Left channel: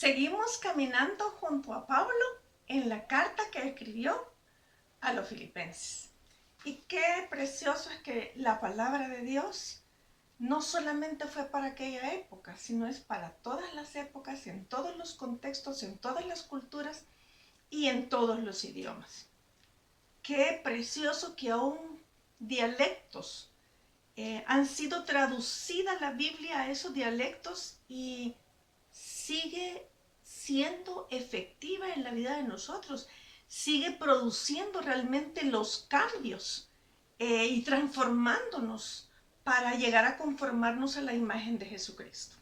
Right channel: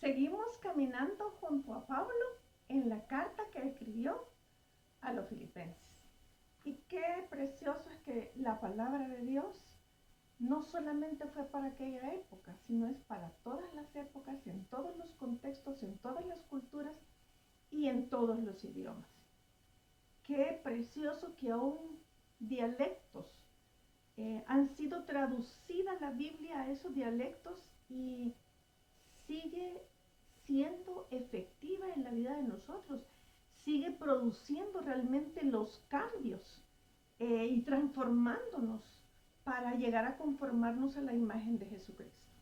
Seguimos caminando junto a Pablo en la carta que escribió a los filipenses. Y qué precioso es que la palabra de Dios no solamente fue para aquella época, sino es para todas las épocas, en todos los contextos, en todas las culturas y en todos los idiomas. Qué precioso que aún dialectos han sido traducida la Biblia a esos dialectos y sigue siendo efectiva en la vida de nosotros, sigue produciendo realmente los cambios y transformándonos para llegar a conformarnos a la imagen de Jesucristo.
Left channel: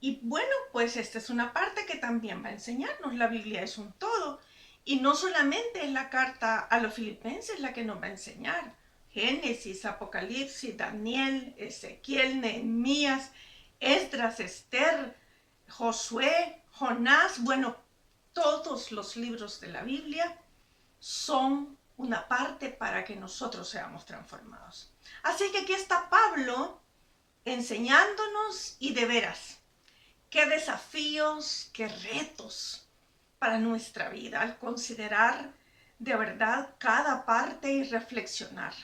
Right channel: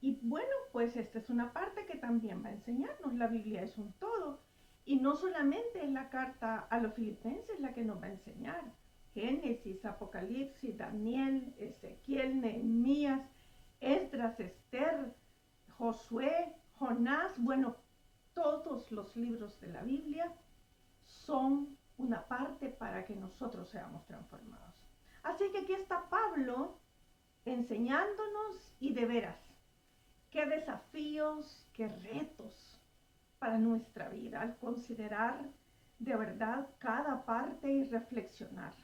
Y bueno, pues esta es una parte que también va a enseñarnos. La Biblia es un todo y no solamente es la carta a los filipenses la que nos va a enseñar. Génesis, Apocalipsis, Daniel, Ezequiel, Nehemías, Esdras, Esther, Josué, Jonás, bueno, todos los libros de la Biblia son una parte para que nosotros seamos transformados. Así que aquí está Pablo enseñándonos y de veras, qué desafíos, qué retos para nuestra vida al considerar de verdad cada parte y reflexionar.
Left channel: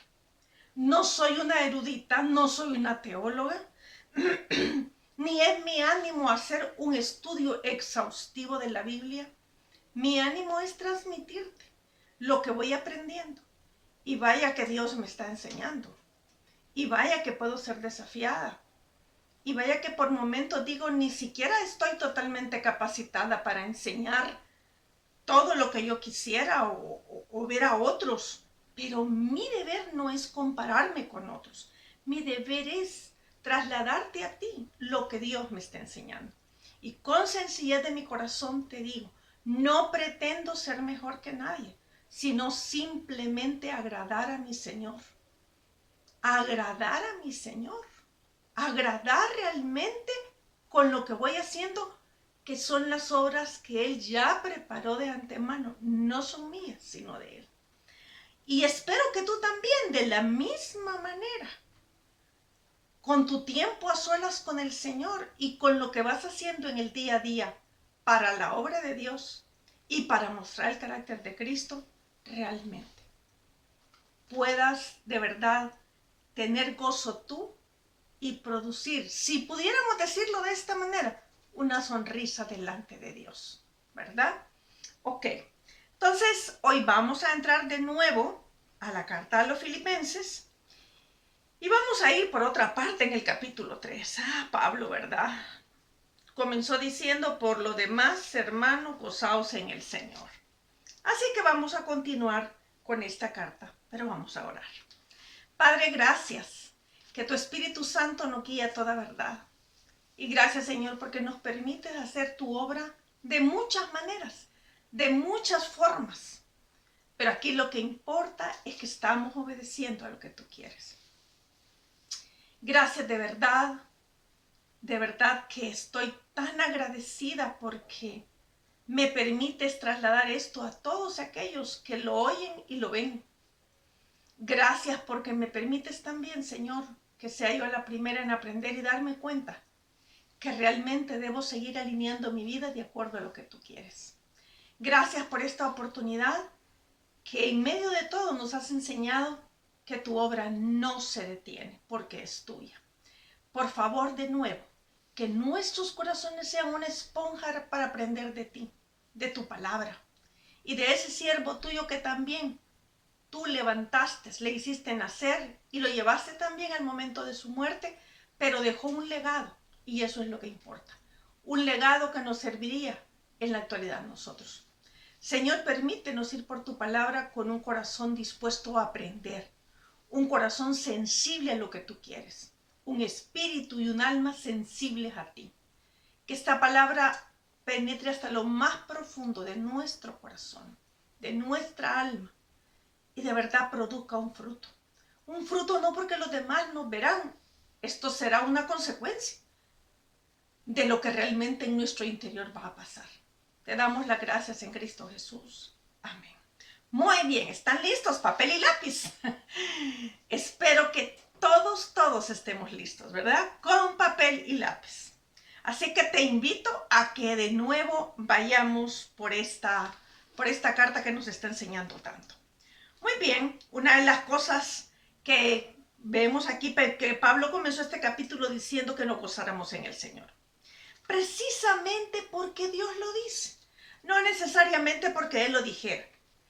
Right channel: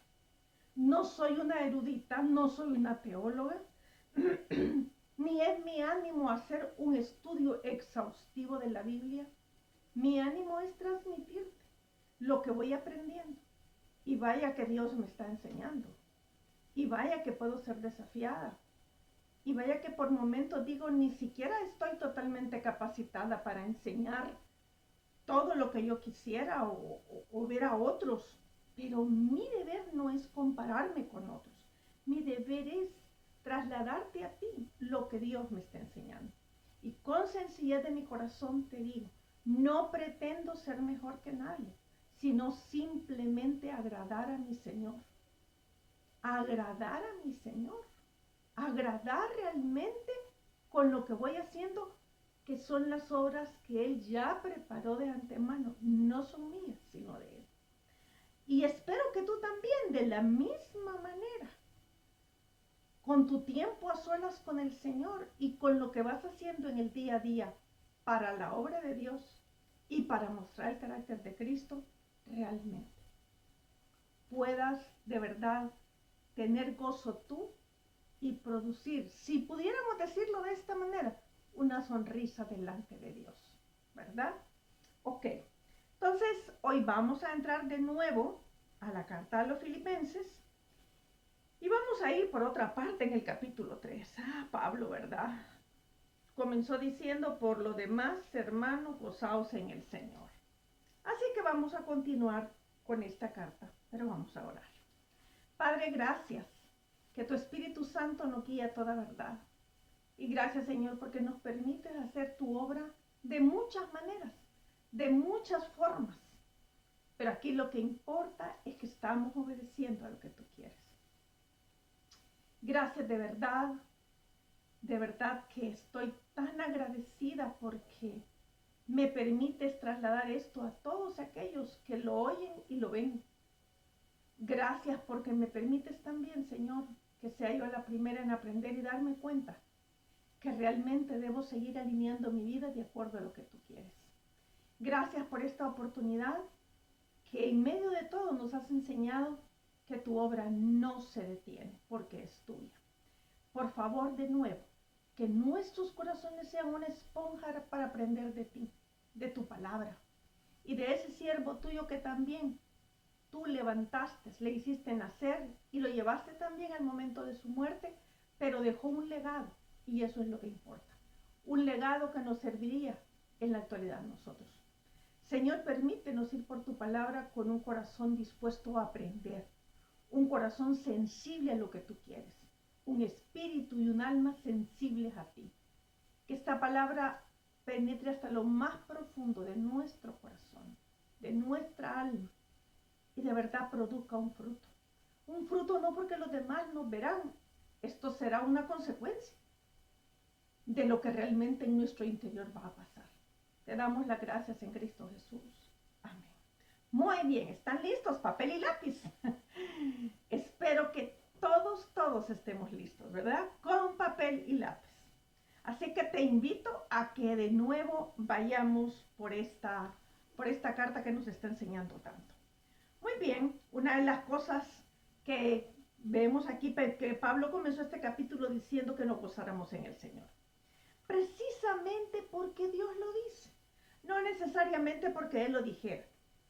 No soy una erudita, no soy una teóloga, ni es mi ánimo hacer un estudio exhaustivo de la Biblia. Mi ánimo es transmitirte lo que voy aprendiendo. Y vaya que Dios me está enseñando. Y vaya que puedo ser desafiada. Y vaya que por momentos digo, ni siquiera estoy totalmente capacitada para enseñar todo lo que yo quisiera o ver a otros. Pero mi deber no es compararme con otros. Mi deber es trasladarte a ti lo que Dios me está enseñando. Y con sencillez de mi corazón te digo, no pretendo ser mejor que nadie, sino simplemente agradar a mi Señor. Agradar a mi Señor. Agradar realmente con lo que voy haciendo, que son las obras que Él ya preparó de antemano. No son mías, sino de Él. Y espero que tú también, de la misma manera, con tu tiempo a solas con el Señor y con lo que vas haciendo en el día a día para la obra de Dios y para mostrar el carácter de Cristo, realmente puedas de verdad tener gozo tú y producir, si pudiéramos decirlo de esta manera, una sonrisa delante de Dios, ¿verdad? Ok, entonces hoy vamos a entrar de nuevo a la carta a los filipenses y vamos a ir por otra parte en el capítulo 3. Pablo, ¿verdad? Comenzó diciendo, por lo demás, hermanos, gozaos en el Señor. Así que vamos a continuar con esta carta, pero vamos a orar. Padre, gracias, que tu Espíritu Santo nos guía a toda verdad. Y gracias, Señor, porque nos permites hacer tu obra de muchas maneras, de muchas formas. Pero aquí lo que importa es que estamos obedeciendo a lo que tú quieres. Gracias de verdad que estoy tan agradecida porque me permites trasladar esto a todos aquellos que lo oyen y lo ven. Gracias porque me permites también, Señor, que sea yo la primera en aprender y darme cuenta que realmente debo seguir alineando mi vida de acuerdo a lo que tú quieres. Gracias por esta oportunidad que en medio de todo nos has enseñado que tu obra no se detiene porque es tuya. Por favor, de nuevo, que nuestros corazones sean una esponja para aprender de ti, de tu palabra y de ese siervo tuyo que también tú levantaste, le hiciste nacer y lo llevaste también al momento de su muerte, pero dejó un legado y eso es lo que importa. Un legado que nos serviría en la actualidad a nosotros. Señor, permítenos ir por tu palabra con un corazón dispuesto a aprender, un corazón sensible a lo que tú quieres, un espíritu y un alma sensibles a ti. Que esta palabra penetre hasta lo más profundo de nuestro corazón, de nuestra alma, y de verdad produzca un fruto. Un fruto no porque los demás nos verán, esto será una consecuencia de lo que realmente en nuestro interior va a pasar. Te damos las gracias en Cristo Jesús. Amén. Muy bien, ¿están listos? Papel y lápiz. Espero que todos estemos listos, ¿verdad? Con papel y lápiz. Así que te invito a que de nuevo vayamos por esta carta que nos está enseñando tanto. Muy bien, una de las cosas que vemos aquí, que Pablo comenzó este capítulo diciendo que nos gozáramos en el Señor. Precisamente porque Dios lo dice. No necesariamente porque Él lo dijera,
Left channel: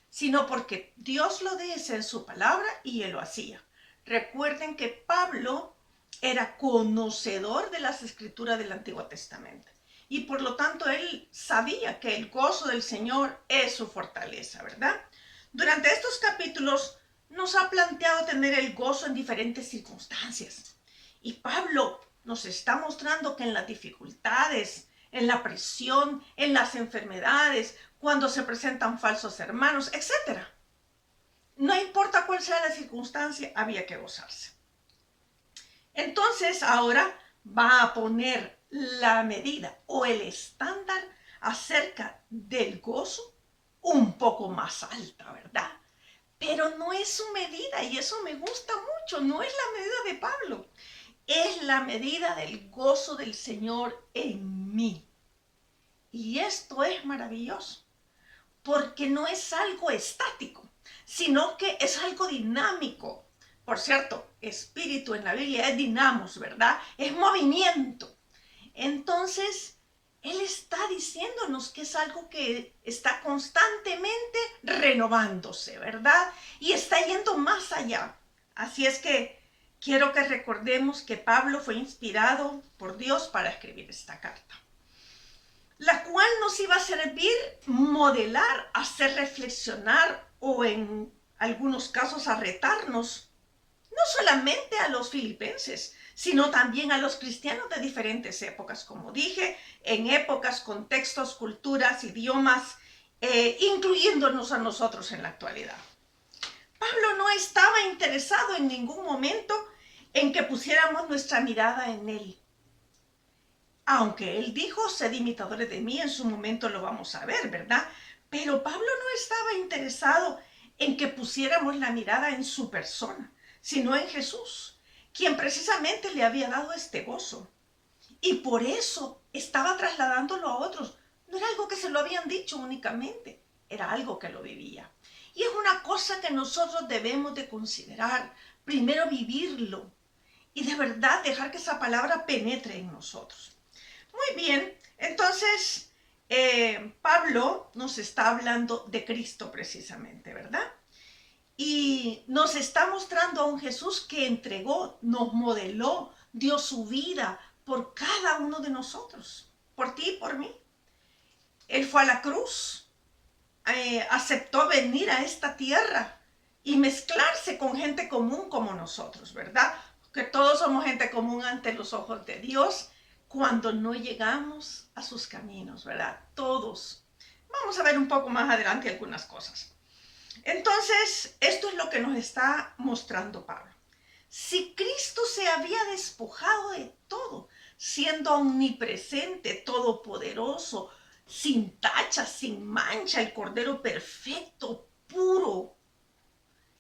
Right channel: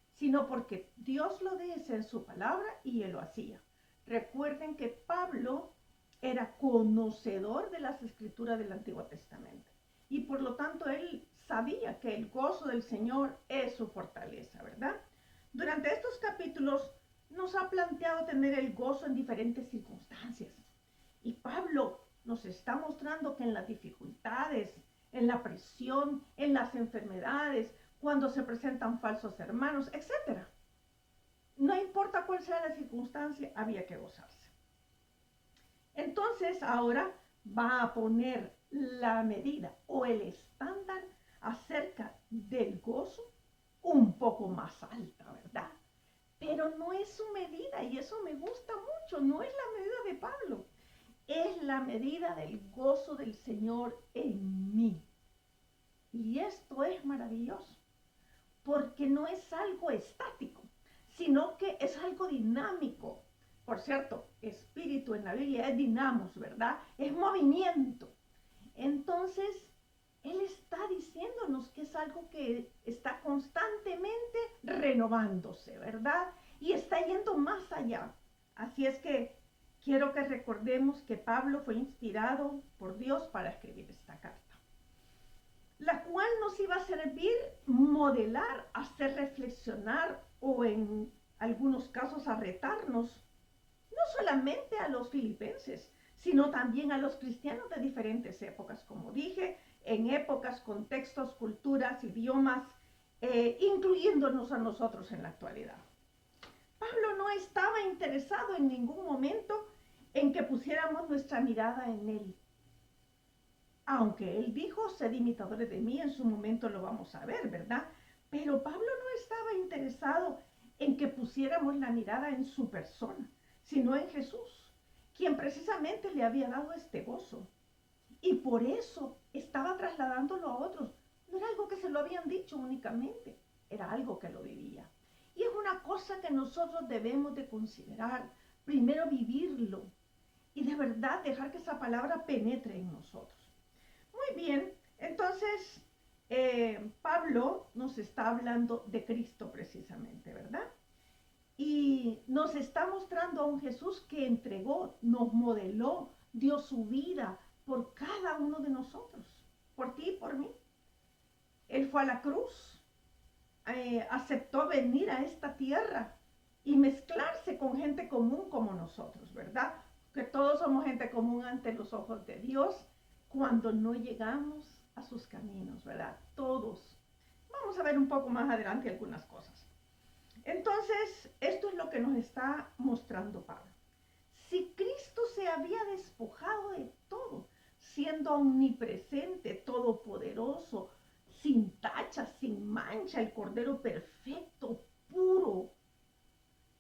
sino porque Dios lo dice en su palabra y Él lo hacía. Recuerden que Pablo era conocedor de las escrituras del Antiguo Testamento y por lo tanto él sabía que el gozo del Señor es su fortaleza, ¿verdad? Durante estos capítulos nos ha planteado tener el gozo en diferentes circunstancias y Pablo nos está mostrando que en las dificultades, en la presión, en las enfermedades, cuando se presentan falsos hermanos, etc. No importa cuál sea la circunstancia, había que gozarse. Entonces ahora va a poner la medida o el estándar acerca del gozo un poco más alta, ¿verdad? Pero no es su medida y eso me gusta mucho, no es la medida de Pablo, es la medida del gozo del Señor en mí. Y esto es maravilloso, porque no es algo estático, sino que es algo dinámico. Por cierto, espíritu en la Biblia es dinamos, ¿verdad? Es movimiento. Entonces, Él está diciéndonos que es algo que está constantemente renovándose, ¿verdad? Y está yendo más allá. Así es que quiero que recordemos que Pablo fue inspirado por Dios para escribir esta carta, la cual nos iba a servir modelar, hacer reflexionar o en algunos casos a retarnos, no solamente a los filipenses, sino también a los cristianos de diferentes épocas, como dije, en épocas, contextos, culturas, idiomas, incluyéndonos a nosotros en la actualidad. Pablo no estaba interesado en ningún momento en que pusiéramos nuestra mirada en él. Aunque él dijo, sed imitadores de mí, en su momento lo vamos a ver, ¿verdad? Pero Pablo no estaba interesado en que pusiéramos la mirada en su persona, sino en Jesús, quien precisamente le había dado este gozo. Y por eso estaba trasladándolo a otros. No era algo que se lo habían dicho únicamente, era algo que lo vivía. Y es una cosa que nosotros debemos de considerar, primero vivirlo y de verdad dejar que esa palabra penetre en nosotros. Muy bien, entonces Pablo nos está hablando de Cristo precisamente, ¿verdad? Y nos está mostrando a un Jesús que entregó, nos modeló, dio su vida por cada uno de nosotros, por ti y por mí. Él fue a la cruz, aceptó venir a esta tierra y mezclarse con gente común como nosotros, ¿verdad? Que todos somos gente común ante los ojos de Dios cuando no llegamos a sus caminos, ¿verdad? Todos. Vamos a ver un poco más adelante algunas cosas. Entonces, esto es lo que nos está mostrando Pablo. Si Cristo se había despojado de todo, siendo omnipresente, todopoderoso, sin tacha, sin mancha, el Cordero perfecto, puro,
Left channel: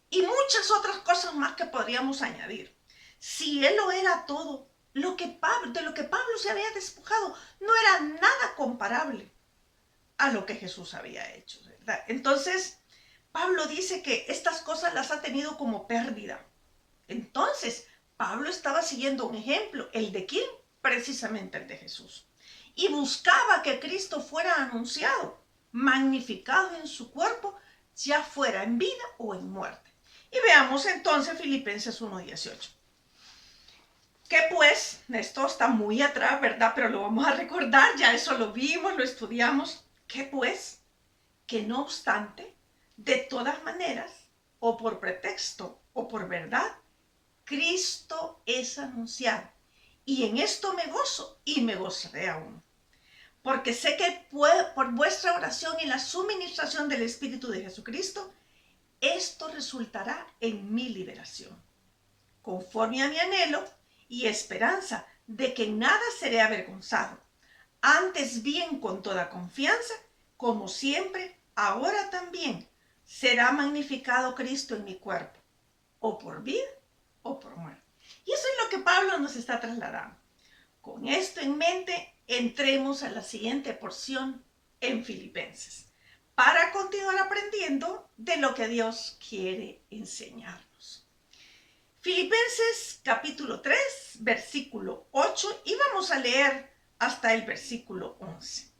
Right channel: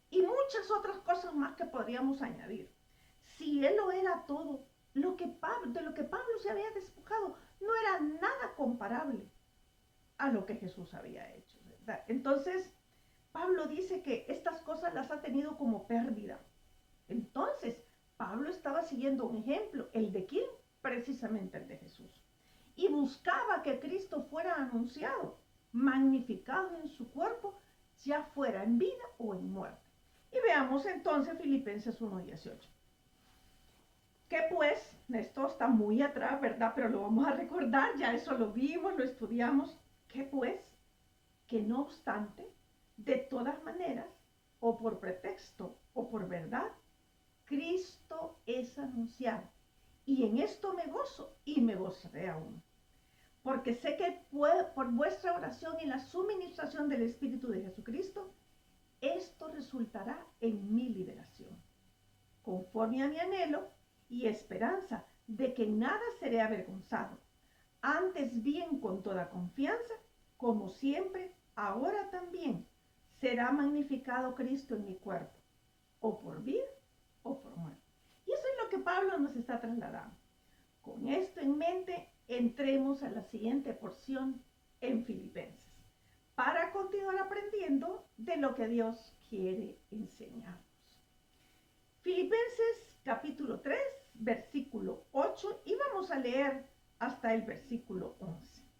y muchas otras cosas más que podríamos añadir. Si Él lo era todo, de lo que Pablo se había despojado no era nada comparable a lo que Jesús había hecho, ¿verdad? Entonces, Pablo dice que estas cosas las ha tenido como pérdida. Entonces, Pablo estaba siguiendo un ejemplo, ¿el de quién? Precisamente el de Jesús. Y buscaba que Cristo fuera anunciado, magnificado en su cuerpo, ya fuera en vida o en muerte. Y veamos entonces Filipenses 1:18. Que pues, esto está muy atrás, ¿verdad? Pero lo vamos a recordar, ya eso lo vimos, lo estudiamos. Que pues, que no obstante, de todas maneras, o por pretexto o por verdad, Cristo es anunciado. Y en esto me gozo y me gozaré aún. Porque sé que por vuestra oración y la suministración del Espíritu de Jesucristo, esto resultará en mi liberación, conforme a mi anhelo y esperanza de que en nada seré avergonzado. Antes bien, con toda confianza, como siempre, ahora también, será magnificado Cristo en mi cuerpo, o por vida o por muerte. Y eso es lo que Pablo nos está trasladando. Con esto en mente, entremos a la siguiente porción en Filipenses para continuar aprendiendo de lo que Dios quiere enseñarnos. Filipenses capítulo 3, versículo 8, y vamos a leer hasta el versículo 11.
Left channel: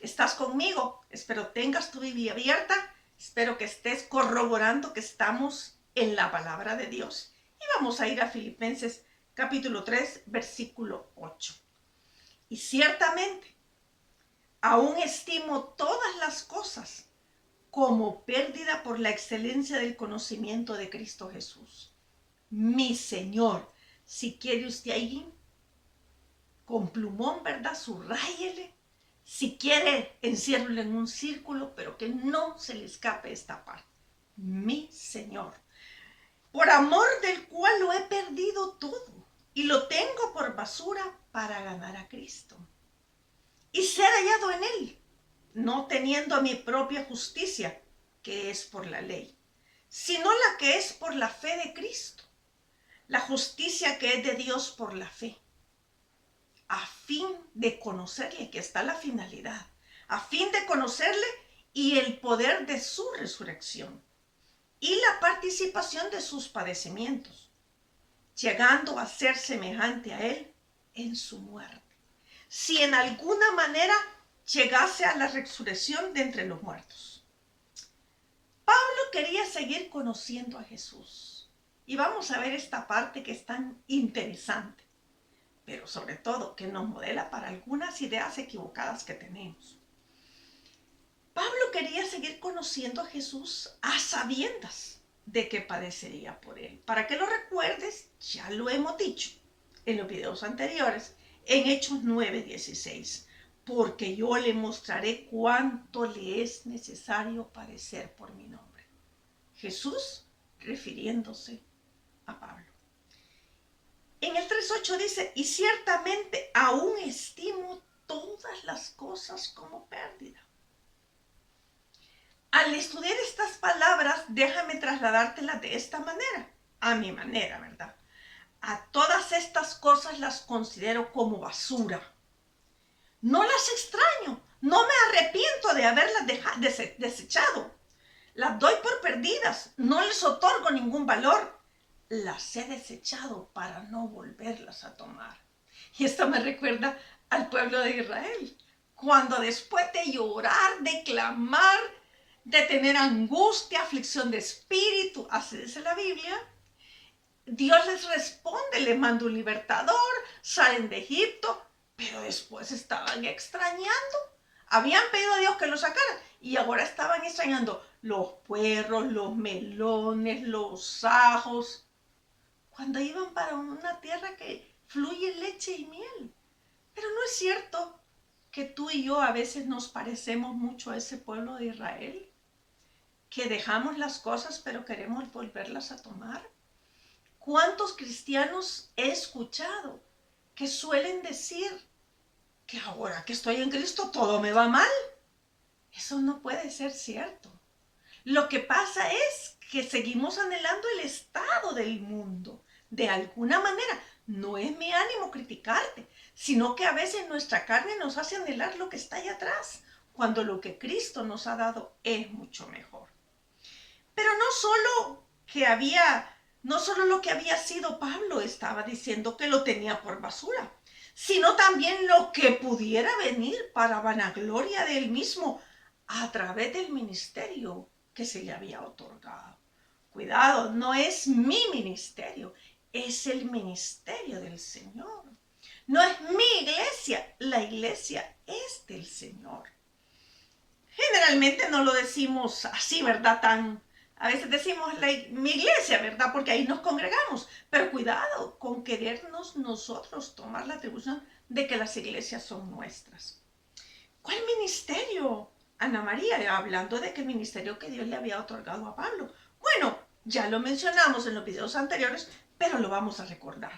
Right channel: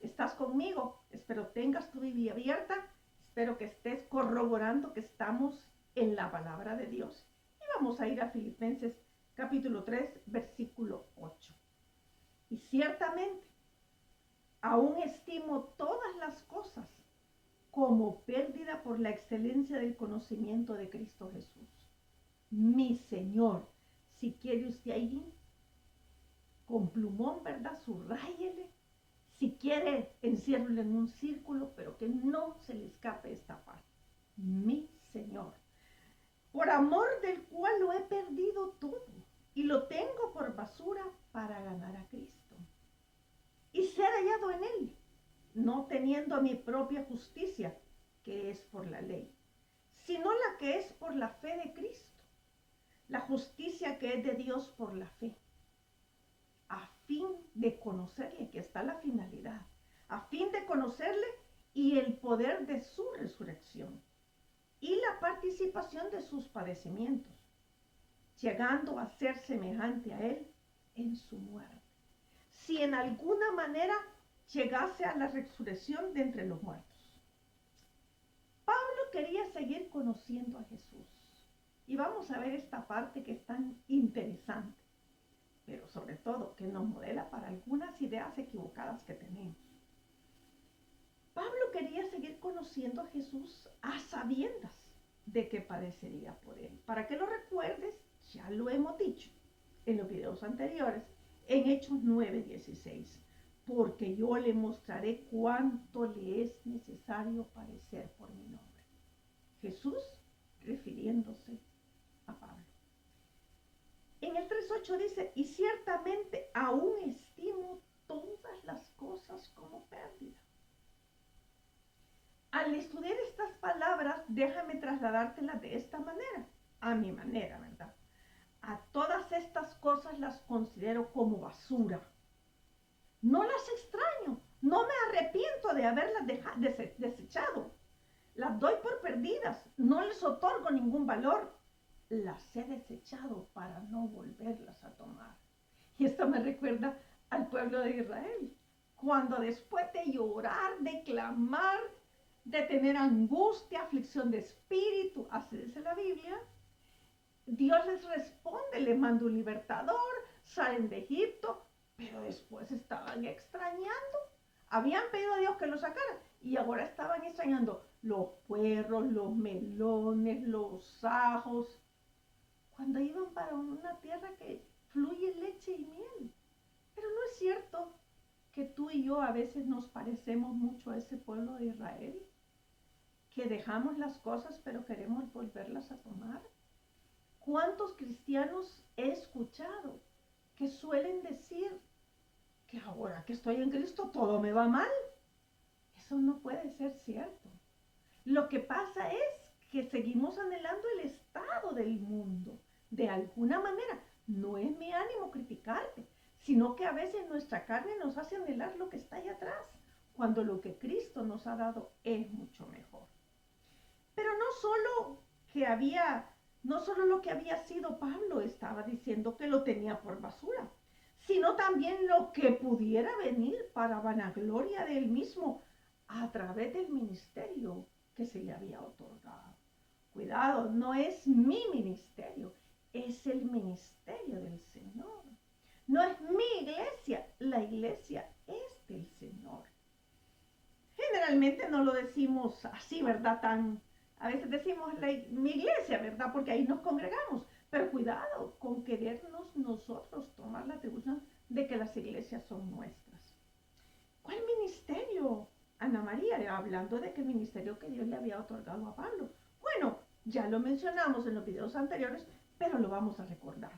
¿Estás conmigo? Espero tengas tu Biblia abierta. Espero que estés corroborando que estamos en la palabra de Dios. Y vamos a ir a Filipenses capítulo 3, versículo 8. Y ciertamente, aún estimo todas las cosas como pérdida por la excelencia del conocimiento de Cristo Jesús, mi Señor. Si quiere usted ahí, con plumón, ¿verdad? Subráyele. Si quiere, enciérrelo en un círculo, pero que no se le escape esta parte. Mi Señor, por amor del cual lo he perdido todo y lo tengo por basura para ganar a Cristo y ser hallado en Él, no teniendo mi propia justicia, que es por la ley, sino la que es por la fe de Cristo, la justicia que es de Dios por la fe, a fin de conocerle, que está la finalidad, a fin de conocerle y el poder de su resurrección y la participación de sus padecimientos, llegando a ser semejante a Él en su muerte, si en alguna manera llegase a la resurrección de entre los muertos. Pablo quería seguir conociendo a Jesús. Y vamos a ver esta parte que es tan interesante, pero sobre todo que nos modela para algunas ideas equivocadas que tenemos. Pablo quería seguir conociendo a Jesús a sabiendas de que padecería por él. Para que lo recuerdes, ya lo hemos dicho en los videos anteriores, en Hechos 9:16, porque yo le mostraré cuánto le es necesario padecer por mi nombre. Jesús refiriéndose a Pablo. En el 3:8 dice, y ciertamente aún estimo todas las cosas como pérdida. Al estudiar estas palabras, déjame trasladártelas de esta manera, a mi manera, ¿verdad? A todas estas cosas las considero como basura. No las extraño, no me arrepiento de haberlas desechado. Las doy por perdidas, no les otorgo ningún valor. Las he desechado para no volverlas a tomar. Y esto me recuerda al pueblo de Israel, cuando después de llorar, de clamar, de tener angustia, aflicción de espíritu, así dice la Biblia, Dios les responde, les manda un libertador, salen de Egipto, pero después estaban extrañando. Habían pedido a Dios que los sacara y ahora estaban extrañando los puerros, los melones, los ajos, cuando iban para una tierra que fluye leche y miel. Pero no es cierto que tú y yo a veces nos parecemos mucho a ese pueblo de Israel, que dejamos las cosas pero queremos volverlas a tomar. ¿Cuántos cristianos he escuchado que suelen decir que ahora que estoy en Cristo todo me va mal? Eso no puede ser cierto. Lo que pasa es que seguimos anhelando el estado del mundo. De alguna manera, no es mi ánimo criticarte, sino que a veces nuestra carne nos hace anhelar lo que está allá atrás, cuando lo que Cristo nos ha dado es mucho mejor. Pero no solo lo que había sido Pablo estaba diciendo que lo tenía por basura, sino también lo que pudiera venir para vanagloria de él mismo a través del ministerio que se le había otorgado. Cuidado, no es mi ministerio, es el ministerio del Señor. No es mi iglesia, la iglesia es del Señor. Generalmente no lo decimos así, ¿verdad? A veces decimos mi iglesia, ¿verdad? Porque ahí nos congregamos. Pero cuidado con querernos nosotros tomar la atribución de que las iglesias son nuestras. ¿Cuál ministerio? Ana María, hablando de que el ministerio que Dios le había otorgado a Pablo. Bueno, ya lo mencionamos en los videos anteriores, pero lo vamos a recordar.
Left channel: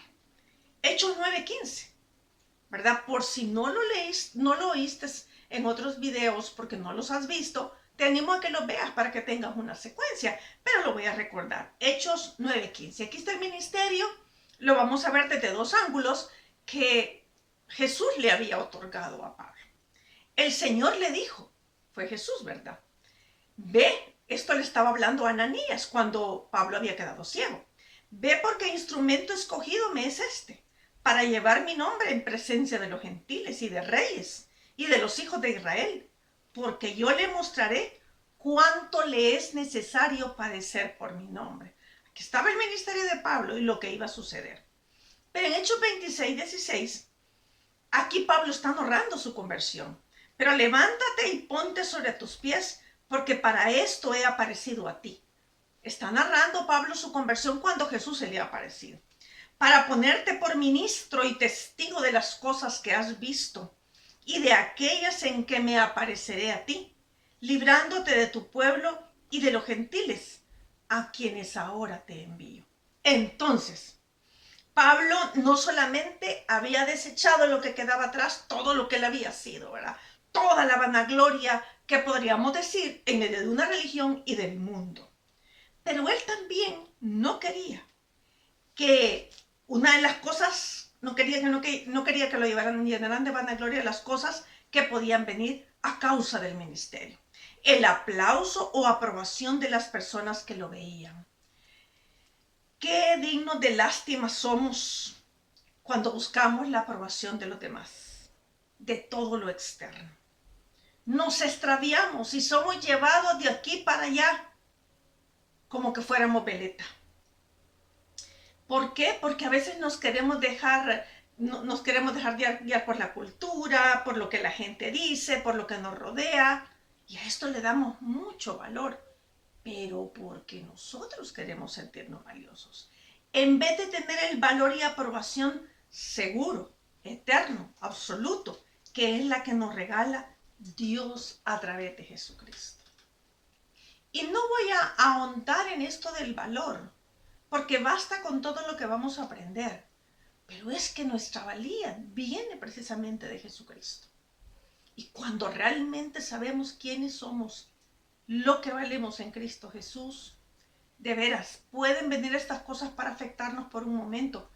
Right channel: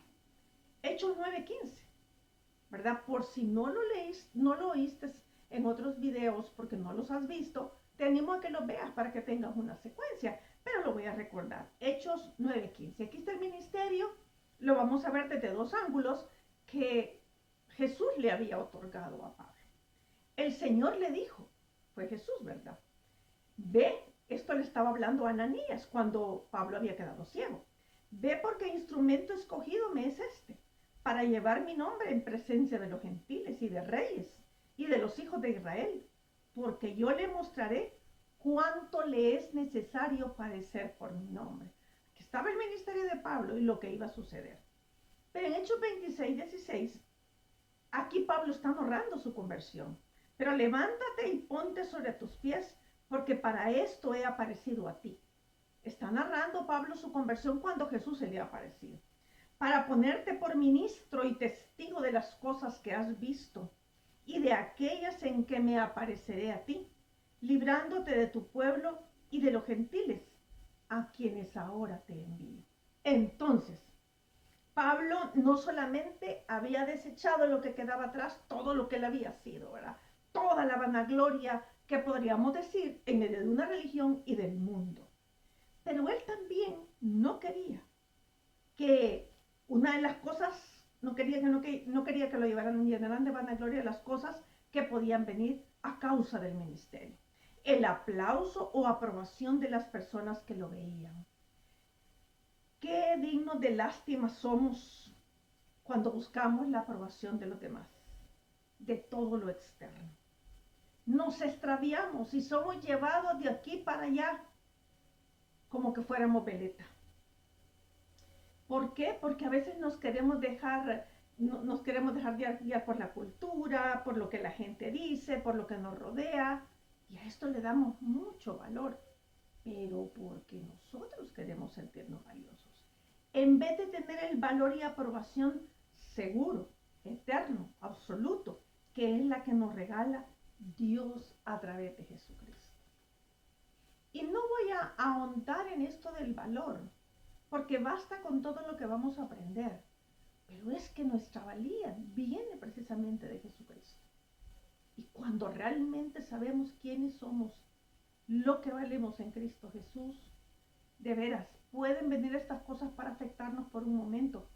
Hechos 9:15, ¿verdad? Por si no lo oíste en otros videos porque no los has visto, te animo a que lo veas para que tengas una secuencia, pero lo voy a recordar. Hechos 9:15. Aquí está el ministerio, lo vamos a ver desde dos ángulos, que Jesús le había otorgado a Pablo. El Señor le dijo, fue Jesús, ¿verdad? Ve, esto le estaba hablando a Ananías cuando Pablo había quedado ciego. Ve porque instrumento escogido me es este, para llevar mi nombre en presencia de los gentiles y de reyes y de los hijos de Israel, porque yo le mostraré cuánto le es necesario padecer por mi nombre. Aquí estaba el ministerio de Pablo y lo que iba a suceder. Pero en Hechos 26:16, aquí Pablo está narrando su conversión. Pero levántate y ponte sobre tus pies, porque para esto he aparecido a ti. Está narrando Pablo su conversión cuando Jesús se le ha aparecido. Para ponerte por ministro y testigo de las cosas que has visto y de aquellas en que me apareceré a ti, librándote de tu pueblo y de los gentiles, a quienes ahora te envío. Entonces, Pablo no solamente había desechado lo que quedaba atrás, todo lo que él había sido, ¿verdad? Toda la vanagloria que podríamos decir en medio de una religión y del mundo. Pero él también no quería que una de las cosas, no quería que lo llenaran de vanagloria las cosas que podían venir a causa del ministerio. El aplauso o aprobación de las personas que lo veían. Qué dignos de lástima somos cuando buscamos la aprobación de los demás, de todo lo externo. Nos extraviamos y somos llevados de aquí para allá como que fuéramos veleta. ¿Por qué? Porque a veces nos queremos dejar guiar por la cultura, por lo que la gente dice, por lo que nos rodea, y a esto le damos mucho valor, pero porque nosotros queremos sentirnos valiosos. En vez de tener el valor y aprobación seguro, eterno, absoluto, que es la que nos regala Dios a través de Jesucristo. Y no voy a ahondar en esto del valor, porque basta con todo lo que vamos a aprender. Pero es que nuestra valía viene precisamente de Jesucristo. Y cuando realmente sabemos quiénes somos, lo que valemos en Cristo Jesús, de veras, pueden venir estas cosas para afectarnos por un momento,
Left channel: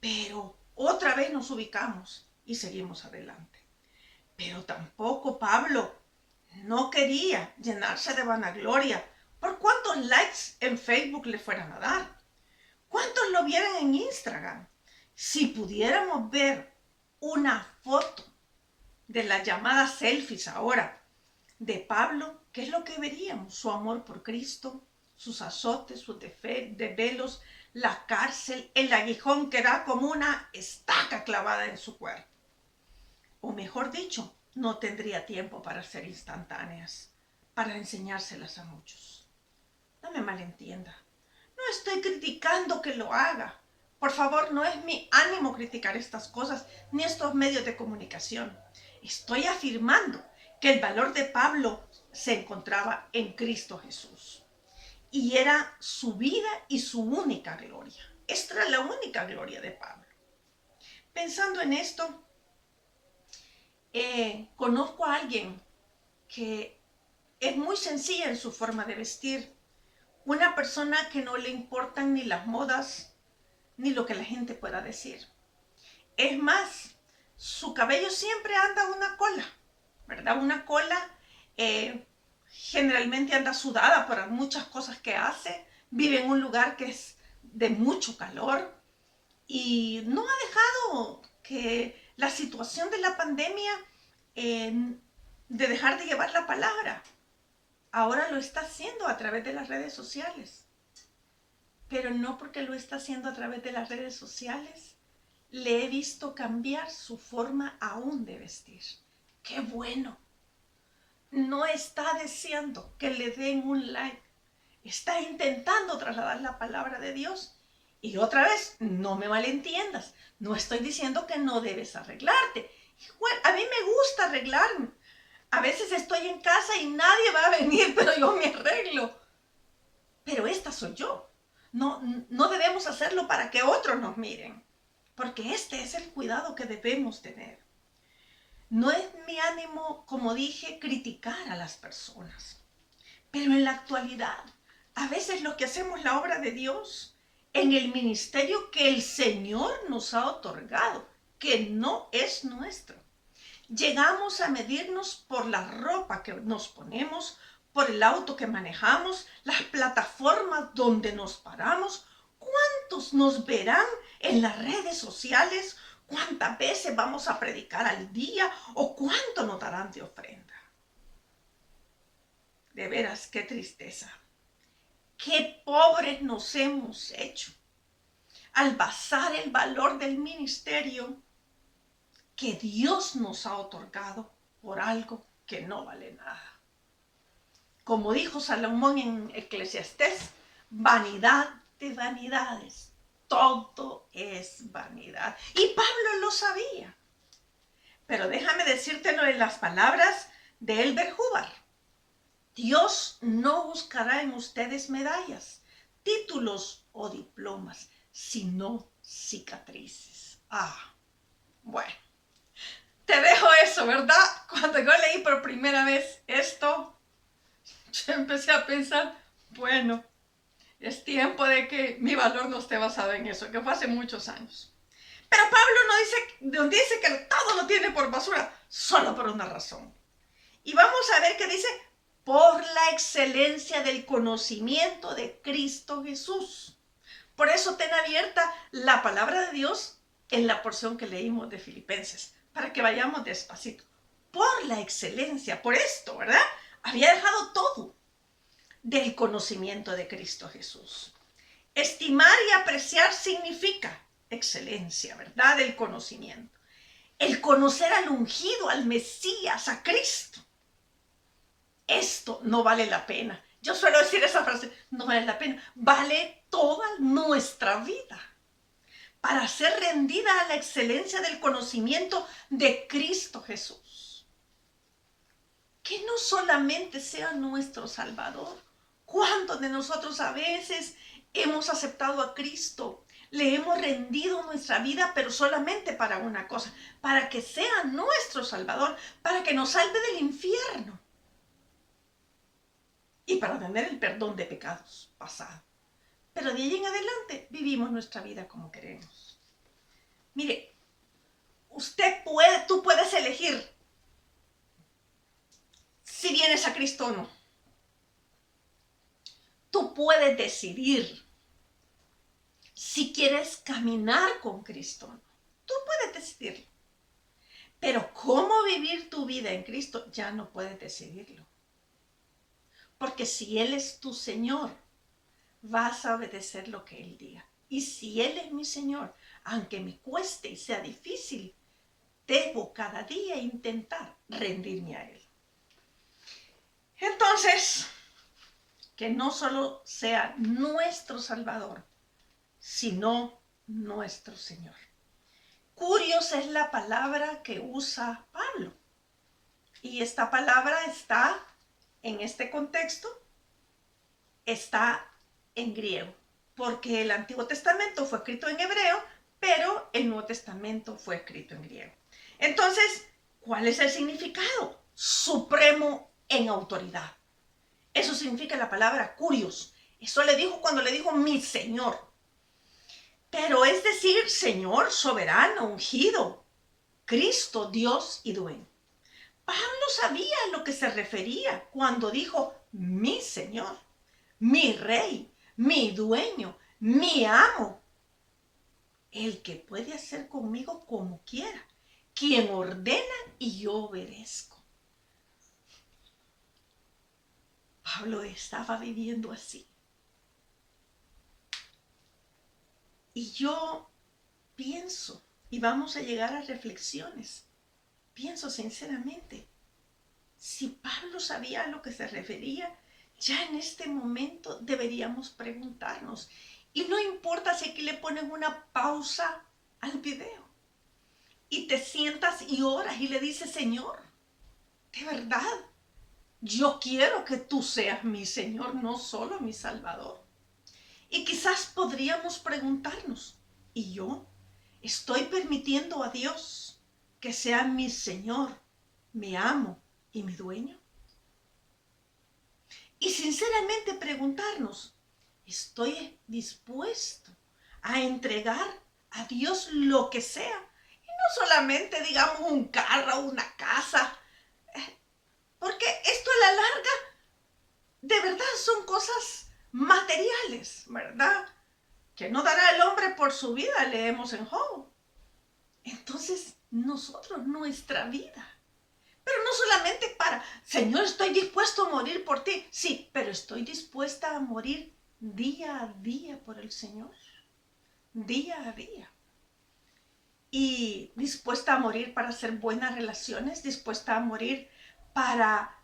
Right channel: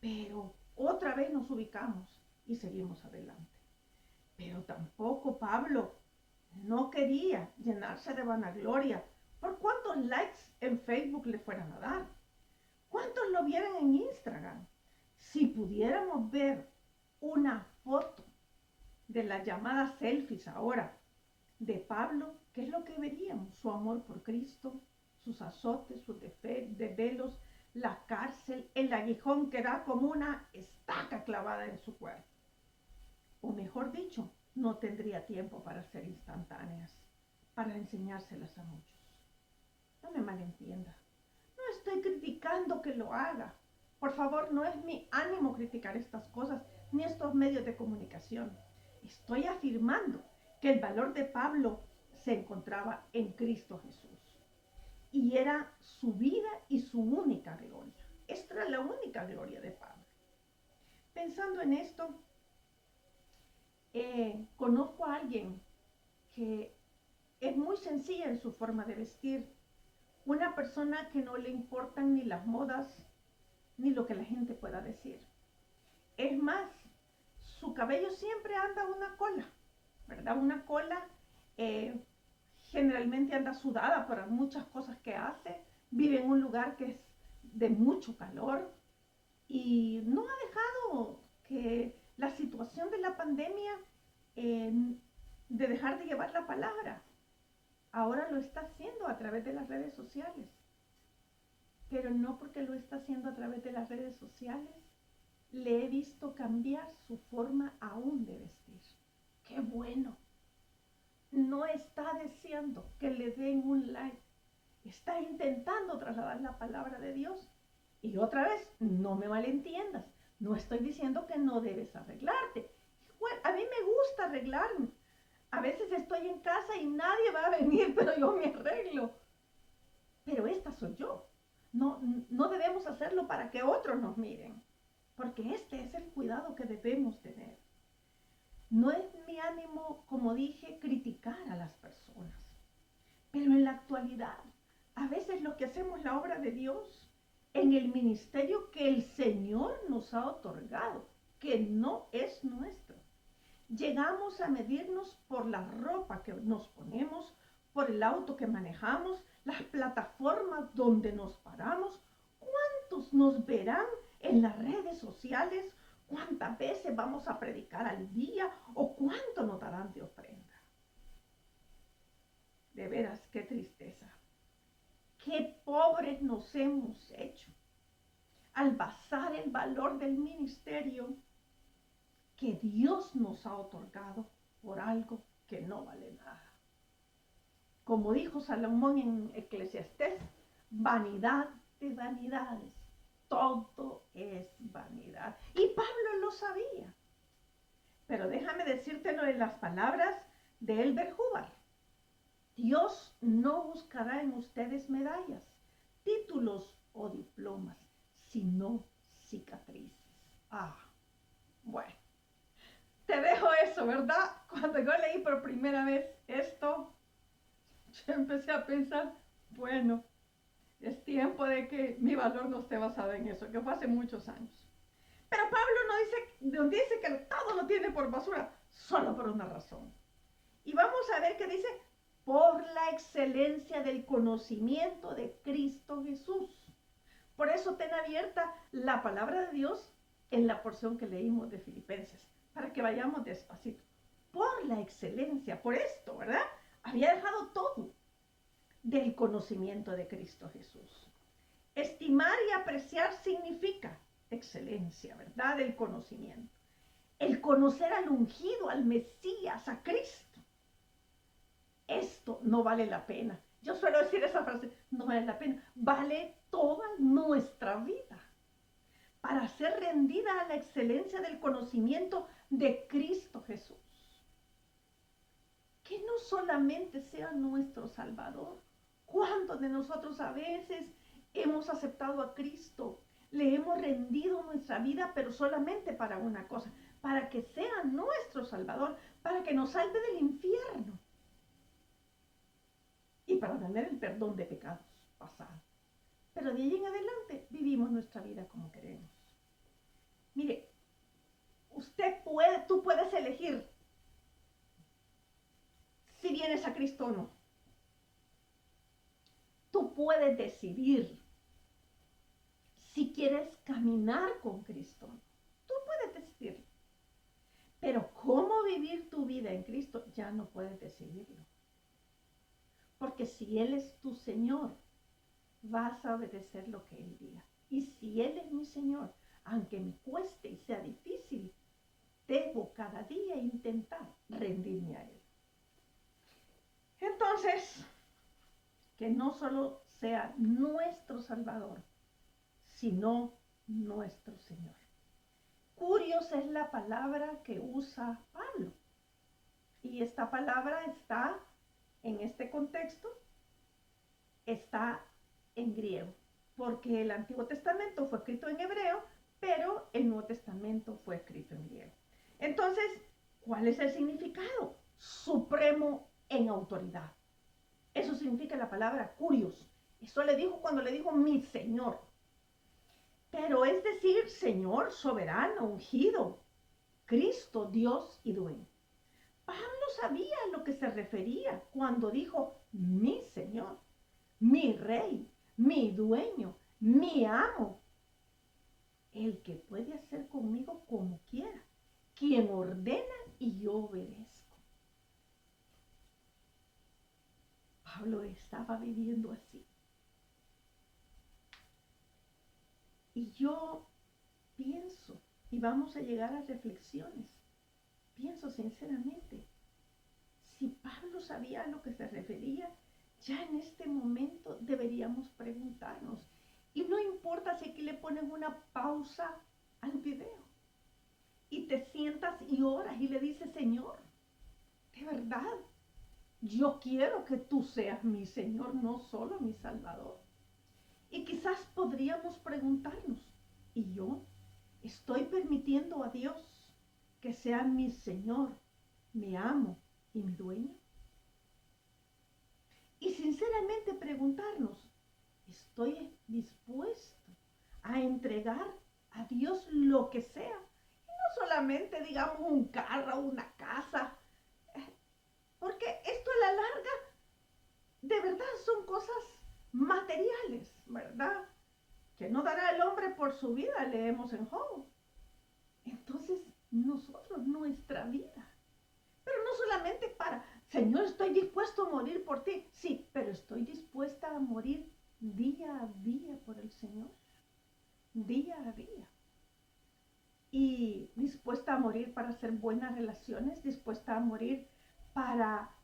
pero otra vez nos ubicamos y seguimos adelante. Pero tampoco Pablo no quería llenarse de vanagloria por cuántos likes en Facebook le fueran a dar, cuántos lo vieran en Instagram. Si pudiéramos ver una foto de las llamadas selfies ahora de Pablo, ¿qué es lo que veríamos? Su amor por Cristo, sus azotes, sus desvelos, la cárcel, el aguijón que era como una estaca clavada en su cuerpo. O mejor dicho, no tendría tiempo para ser instantáneas, para enseñárselas a muchos. No me malentienda. No estoy criticando que lo haga. Por favor, no es mi ánimo criticar estas cosas ni estos medios de comunicación. Estoy afirmando que el valor de Pablo se encontraba en Cristo Jesús. Y era su vida y su única gloria. Esta era la única gloria de Pablo. Pensando en esto, conozco a alguien que es muy sencilla en su forma de vestir. Una persona que no le importan ni las modas, ni lo que la gente pueda decir. Es más, su cabello siempre anda una cola, ¿verdad? Una cola generalmente anda sudada por muchas cosas que hace. Vive en un lugar que es de mucho calor y no ha dejado que la situación de la pandemia de dejar de llevar la palabra. Ahora lo está haciendo a través de las redes sociales. Pero no porque lo está haciendo a través de las redes sociales, le he visto cambiar su forma aún de vestir. ¡Qué bueno! No está deseando que le den un like. Está intentando trasladar la palabra de Dios. Y otra vez, no me malentiendas. No estoy diciendo que no debes arreglarte. Igual, a mí me gusta arreglarme. A veces estoy en casa y nadie va a venir, pero yo me arreglo. Pero esta soy yo. No debemos hacerlo para que otros nos miren, porque este es el cuidado que debemos tener. No es mi ánimo, como dije, criticar a las personas, pero en la actualidad, a veces los que hacemos la obra de Dios, en el ministerio que el Señor nos ha otorgado, que no es nuestro. Llegamos a medirnos por la ropa que nos ponemos, por el auto que manejamos, las plataformas donde nos paramos. ¿Cuántos nos verán en las redes sociales? ¿Cuántas veces vamos a predicar al día? ¿O cuánto nos darán de ofrenda? De veras, qué tristeza. Qué pobres nos hemos hecho al basar el valor del ministerio que Dios nos ha otorgado por algo que no vale nada. Como dijo Salomón en Eclesiastés, vanidad de vanidades, todo es vanidad. Y Pablo lo sabía. Pero déjame decírtelo en las palabras de Elbert Hubbard. Dios no buscará en ustedes medallas, títulos o diplomas, sino cicatrices. Bueno. Te dejo eso, ¿verdad? Cuando yo leí por primera vez esto, yo empecé a pensar, bueno, es tiempo de que mi valor no esté basado en eso, que fue hace muchos años. Pero Pablo no dice que todo lo tiene por basura, solo por una razón. Y vamos a ver qué dice, por la excelencia del conocimiento de Cristo Jesús. Por eso ten abierta la palabra de Dios en la porción que leímos de Filipenses, para que vayamos despacito. Por la excelencia, por esto, ¿verdad? Había dejado todo del conocimiento de Cristo Jesús. Estimar y apreciar significa excelencia, ¿verdad? Del conocimiento. El conocer al ungido, al Mesías, a Cristo. Esto no vale la pena. Yo suelo decir esa frase, no vale la pena. Vale toda nuestra vida para ser rendida a la excelencia del conocimiento de Cristo Jesús. Que no solamente sea nuestro Salvador. ¿Cuántos de nosotros a veces hemos aceptado a Cristo? Le hemos rendido nuestra vida, pero solamente para una cosa, para que sea nuestro Salvador, para que nos salve del infierno y para tener el perdón de pecados pasados. Pero de ahí en adelante vivimos nuestra vida como queremos. Mire, tú puedes elegir si vienes a Cristo o no. Tú puedes decidir si quieres caminar con Cristo o no. Tú puedes decidirlo. Pero cómo vivir tu vida en Cristo ya no puedes decidirlo. Porque si Él es tu Señor, vas a obedecer lo que Él diga. Y si Él es mi Señor, aunque me cueste y sea difícil, debo cada día intentar rendirme a Él. Entonces, que no solo sea nuestro Salvador, sino nuestro Señor. Curios es la palabra que usa Pablo. Y esta palabra está en este contexto, está en griego, porque el Antiguo Testamento fue escrito en hebreo, pero el Nuevo Testamento fue escrito en griego. Entonces, ¿cuál es el significado? Supremo en autoridad. Eso significa la palabra curios. Eso le dijo cuando le dijo mi Señor. Pero es decir, Señor, soberano, ungido, Cristo, Dios y dueño. Pablo sabía a lo que se refería cuando dijo mi Señor, mi Rey, mi dueño, mi amo. El que puede hacer conmigo como quiera, quien ordena y yo obedezco. Pablo estaba viviendo así. Y yo pienso, y vamos a llegar a reflexiones, pienso sinceramente, si Pablo sabía a lo que se refería, ya en este momento deberíamos preguntarnos. Y no importa si aquí le ponen una pausa al video y te sientas y oras y le dices, Señor, de verdad, yo quiero que tú seas mi Señor, no solo mi Salvador. Y quizás podríamos preguntarnos, ¿y yo estoy permitiendo a Dios que sea mi Señor, mi amo y mi dueño? Y sinceramente preguntarnos, ¿estoy dispuesto a entregar a Dios lo que sea? Y no solamente, digamos, un carro, una casa, porque esto a la larga, de verdad, son cosas materiales, ¿verdad? Que no dará el hombre por su vida, leemos en Job. Entonces, nosotros, nuestra vida. Pero no solamente para, Señor, estoy dispuesto a morir por ti. Sí, pero estoy dispuesta a morir día a día por el Señor. Día a día. Y dispuesta a morir para hacer buenas relaciones, dispuesta a morir para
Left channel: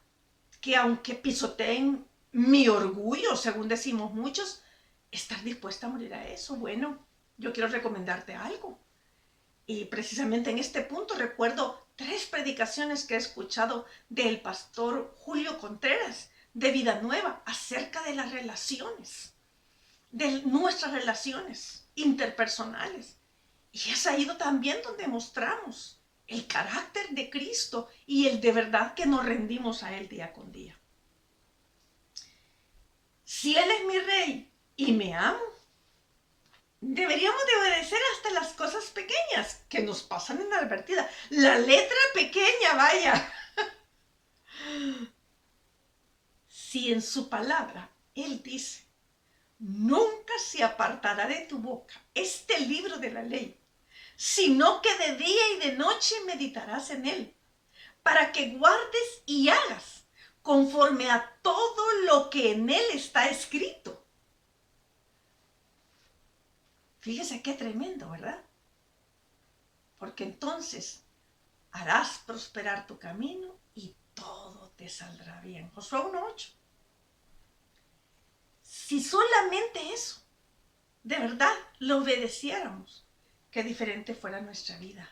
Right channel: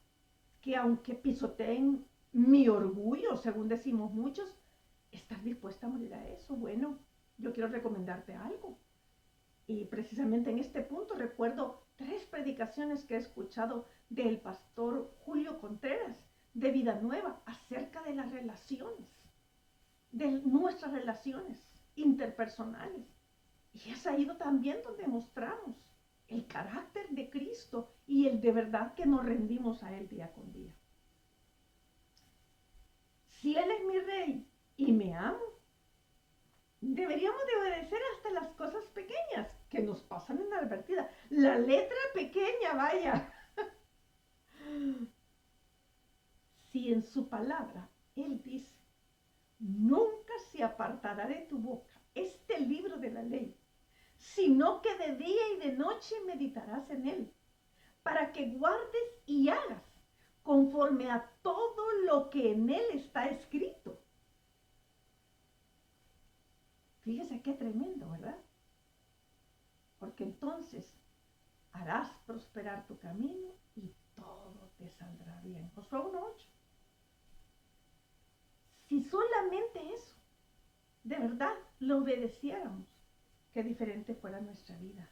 que aunque pisoteen mi orgullo, según decimos muchos, estar dispuesta a morir a eso. Bueno, yo quiero recomendarte algo. Y precisamente en este punto recuerdo 3 predicaciones que he escuchado del pastor Julio Contreras de Vida Nueva acerca de las relaciones, de nuestras relaciones interpersonales. Y es ahí también donde mostramos el carácter de Cristo y el de verdad que nos rendimos a Él día con día. Si Él es mi rey y me amo, deberíamos de obedecer hasta las cosas pequeñas que nos pasan inadvertidas. La letra pequeña, vaya. Si en su palabra Él dice, nunca se apartará de tu boca este libro de la ley, sino que de día y de noche meditarás en él, para que guardes y hagas conforme a todo lo que en él está escrito. Fíjese qué tremendo, ¿verdad? Porque entonces harás prosperar tu camino y todo te saldrá bien. Josué 1:8. Si solamente eso, de verdad, lo obedeciéramos, qué diferente fuera nuestra vida.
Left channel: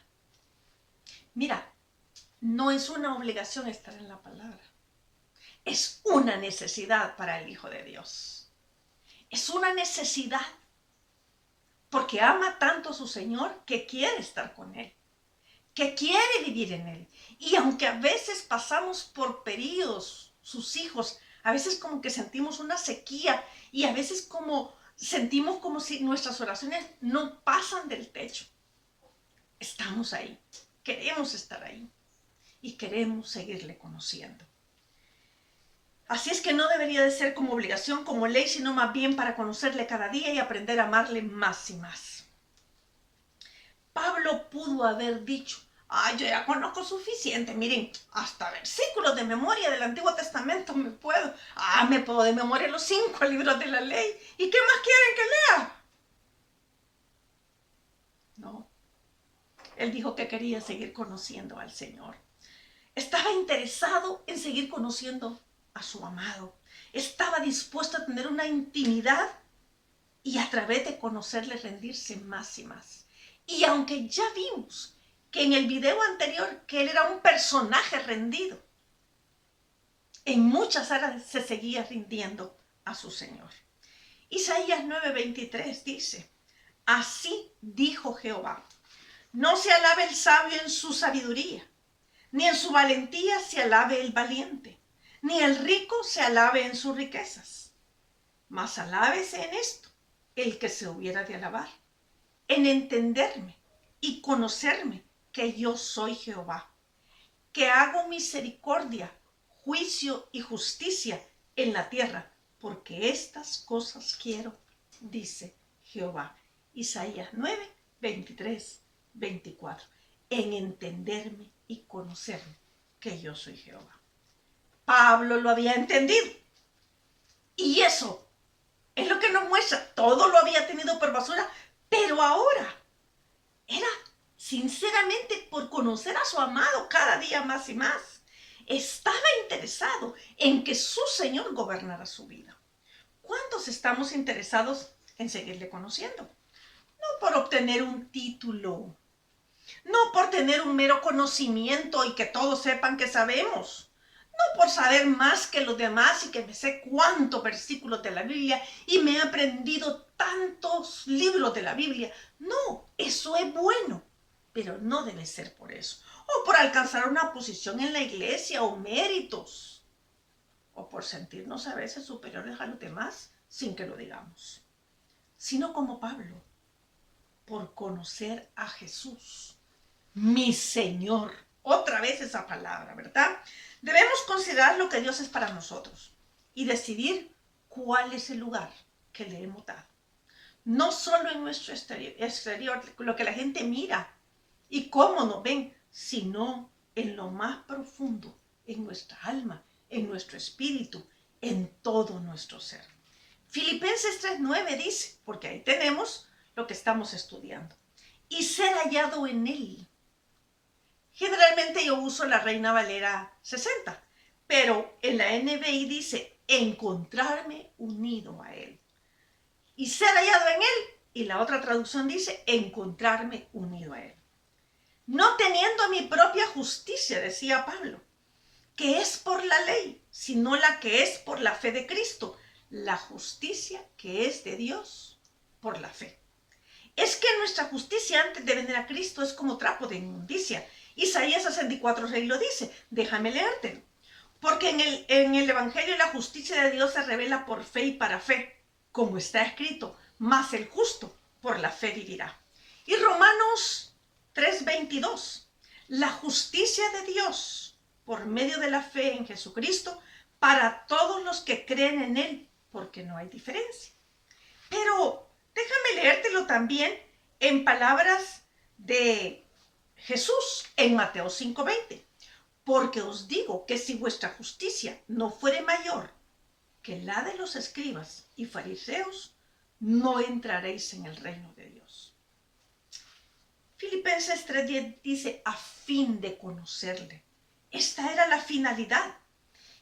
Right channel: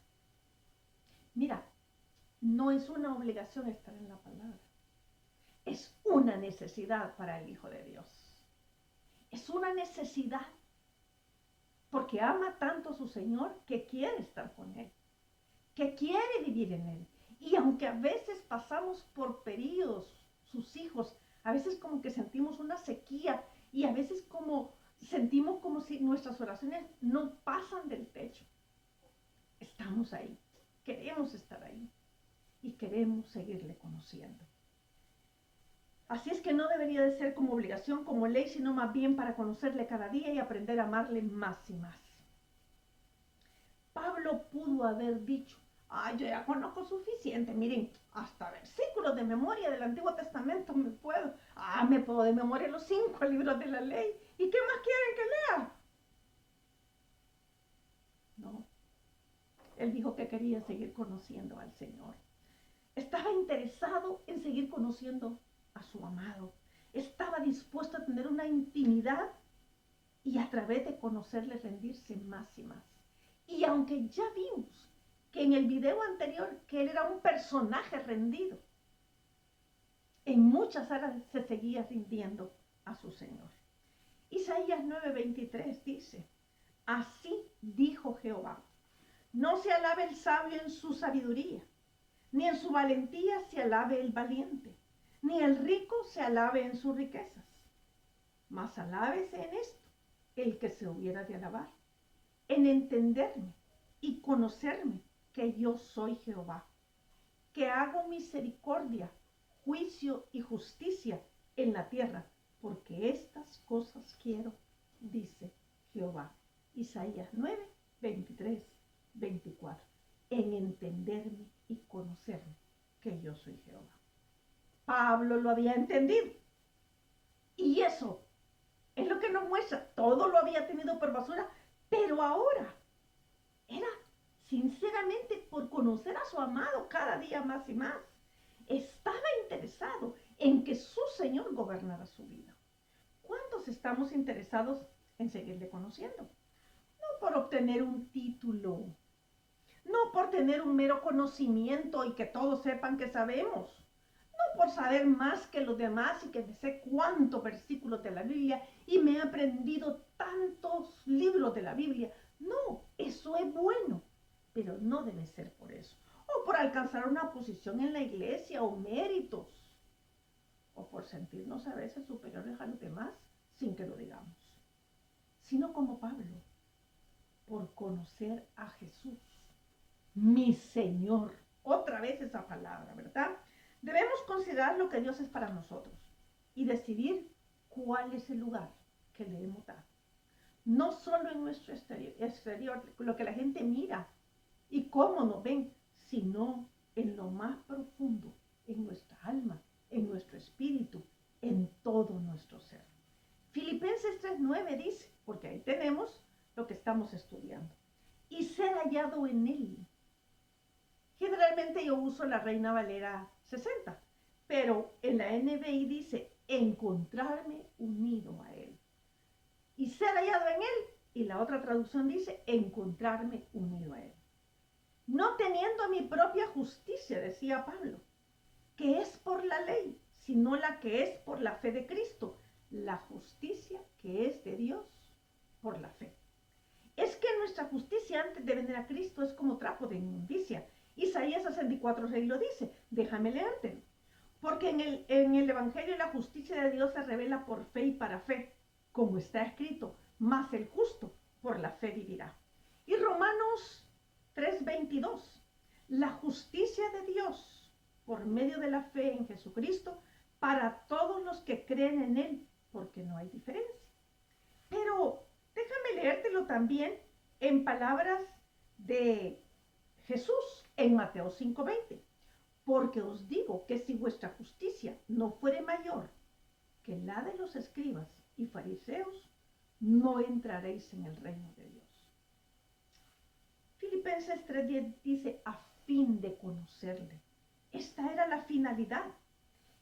Mira, no es una obligación estar en la palabra. Es una necesidad para el Hijo de Dios. Es una necesidad porque ama tanto a su Señor que quiere estar con Él, que quiere vivir en Él. Y aunque a veces pasamos por periodos, sus hijos, a veces como que sentimos una sequía y a veces como sentimos como si nuestras oraciones no pasan del techo. Estamos ahí, queremos estar ahí y queremos seguirle conociendo. Así es que no debería de ser como obligación, como ley, sino más bien para conocerle cada día y aprender a amarle más y más. Pablo pudo haber dicho, yo ya conozco suficiente, miren, hasta versículos de memoria del Antiguo Testamento me puedo. Me puedo de memoria los 5 libros de la ley. ¿Y qué más quieren que lea? No. Él dijo que quería seguir conociendo al Señor. Estaba interesado en seguir conociendo a su amado. Estaba dispuesto a tener una intimidad y a través de conocerle rendirse más y más. Y aunque ya vimos que en el video anterior que él era un personaje rendido, en muchas áreas se seguía rindiendo a su Señor. Isaías 9:23 dice, así dijo Jehová, no se alabe el sabio en su sabiduría, ni en su valentía se alabe el valiente, ni el rico se alabe en sus riquezas. Mas alábese en esto el que se hubiera de alabar, en entenderme y conocerme que yo soy Jehová, que hago misericordia, juicio y justicia en la tierra, porque estas cosas quiero, dice Jehová. Isaías 9:23-24. En entenderme y conocerme que yo soy Jehová. Pablo lo había entendido. Y eso es lo que nos muestra. Todo lo había tenido por basura, pero ahora era sinceramente por conocer a su amado cada día más y más. Estaba interesado en que su Señor gobernara su vida. ¿Cuántos estamos interesados en seguirle conociendo? No por obtener un título, no por tener un mero conocimiento y que todos sepan que sabemos, no por saber más que los demás y que me sé cuántos versículos de la Biblia y me he aprendido tantos libros de la Biblia. No, eso es bueno, pero no debe ser por eso. O por alcanzar una posición en la iglesia o méritos. O por sentirnos a veces superiores a los demás sin que lo digamos. Sino como Pablo, por conocer a Jesús. mi Señor. Otra vez esa palabra, ¿verdad? Debemos considerar lo que Dios es para nosotros y decidir cuál es el lugar que le hemos dado. No solo en nuestro exterior, lo que la gente mira y cómo nos ven, sino en lo más profundo, en nuestra alma, en nuestro espíritu, en todo nuestro ser. Filipenses 3:9 dice, porque ahí tenemos lo que estamos estudiando, y ser hallado en él. Generalmente yo uso la Reina Valera 60, pero en la NBI dice encontrarme unido a él y ser hallado en él, y la otra traducción dice encontrarme unido a él. No teniendo mi propia justicia, decía Pablo, que es por la ley, sino la que es por la fe de Cristo, la justicia que es de Dios por la fe. Es que nuestra justicia antes de venir a Cristo es como trapo de inmundicia. Isaías 64:6 lo dice, déjame leértelo. Porque en el Evangelio la justicia de Dios se revela por fe y para fe, como está escrito, mas el justo por la fe vivirá. Y Romanos 3:22, la justicia de Dios por medio de la fe en Jesucristo para todos los que creen en él, porque no hay diferencia. Pero déjame leértelo también en palabras de Jesús en Mateo 5:20. Porque os digo que si vuestra justicia no fuere mayor que la de los escribas y fariseos, no entraréis en el reino de Dios. Filipenses 3:10 dice, a fin de conocerle. Esta era la finalidad.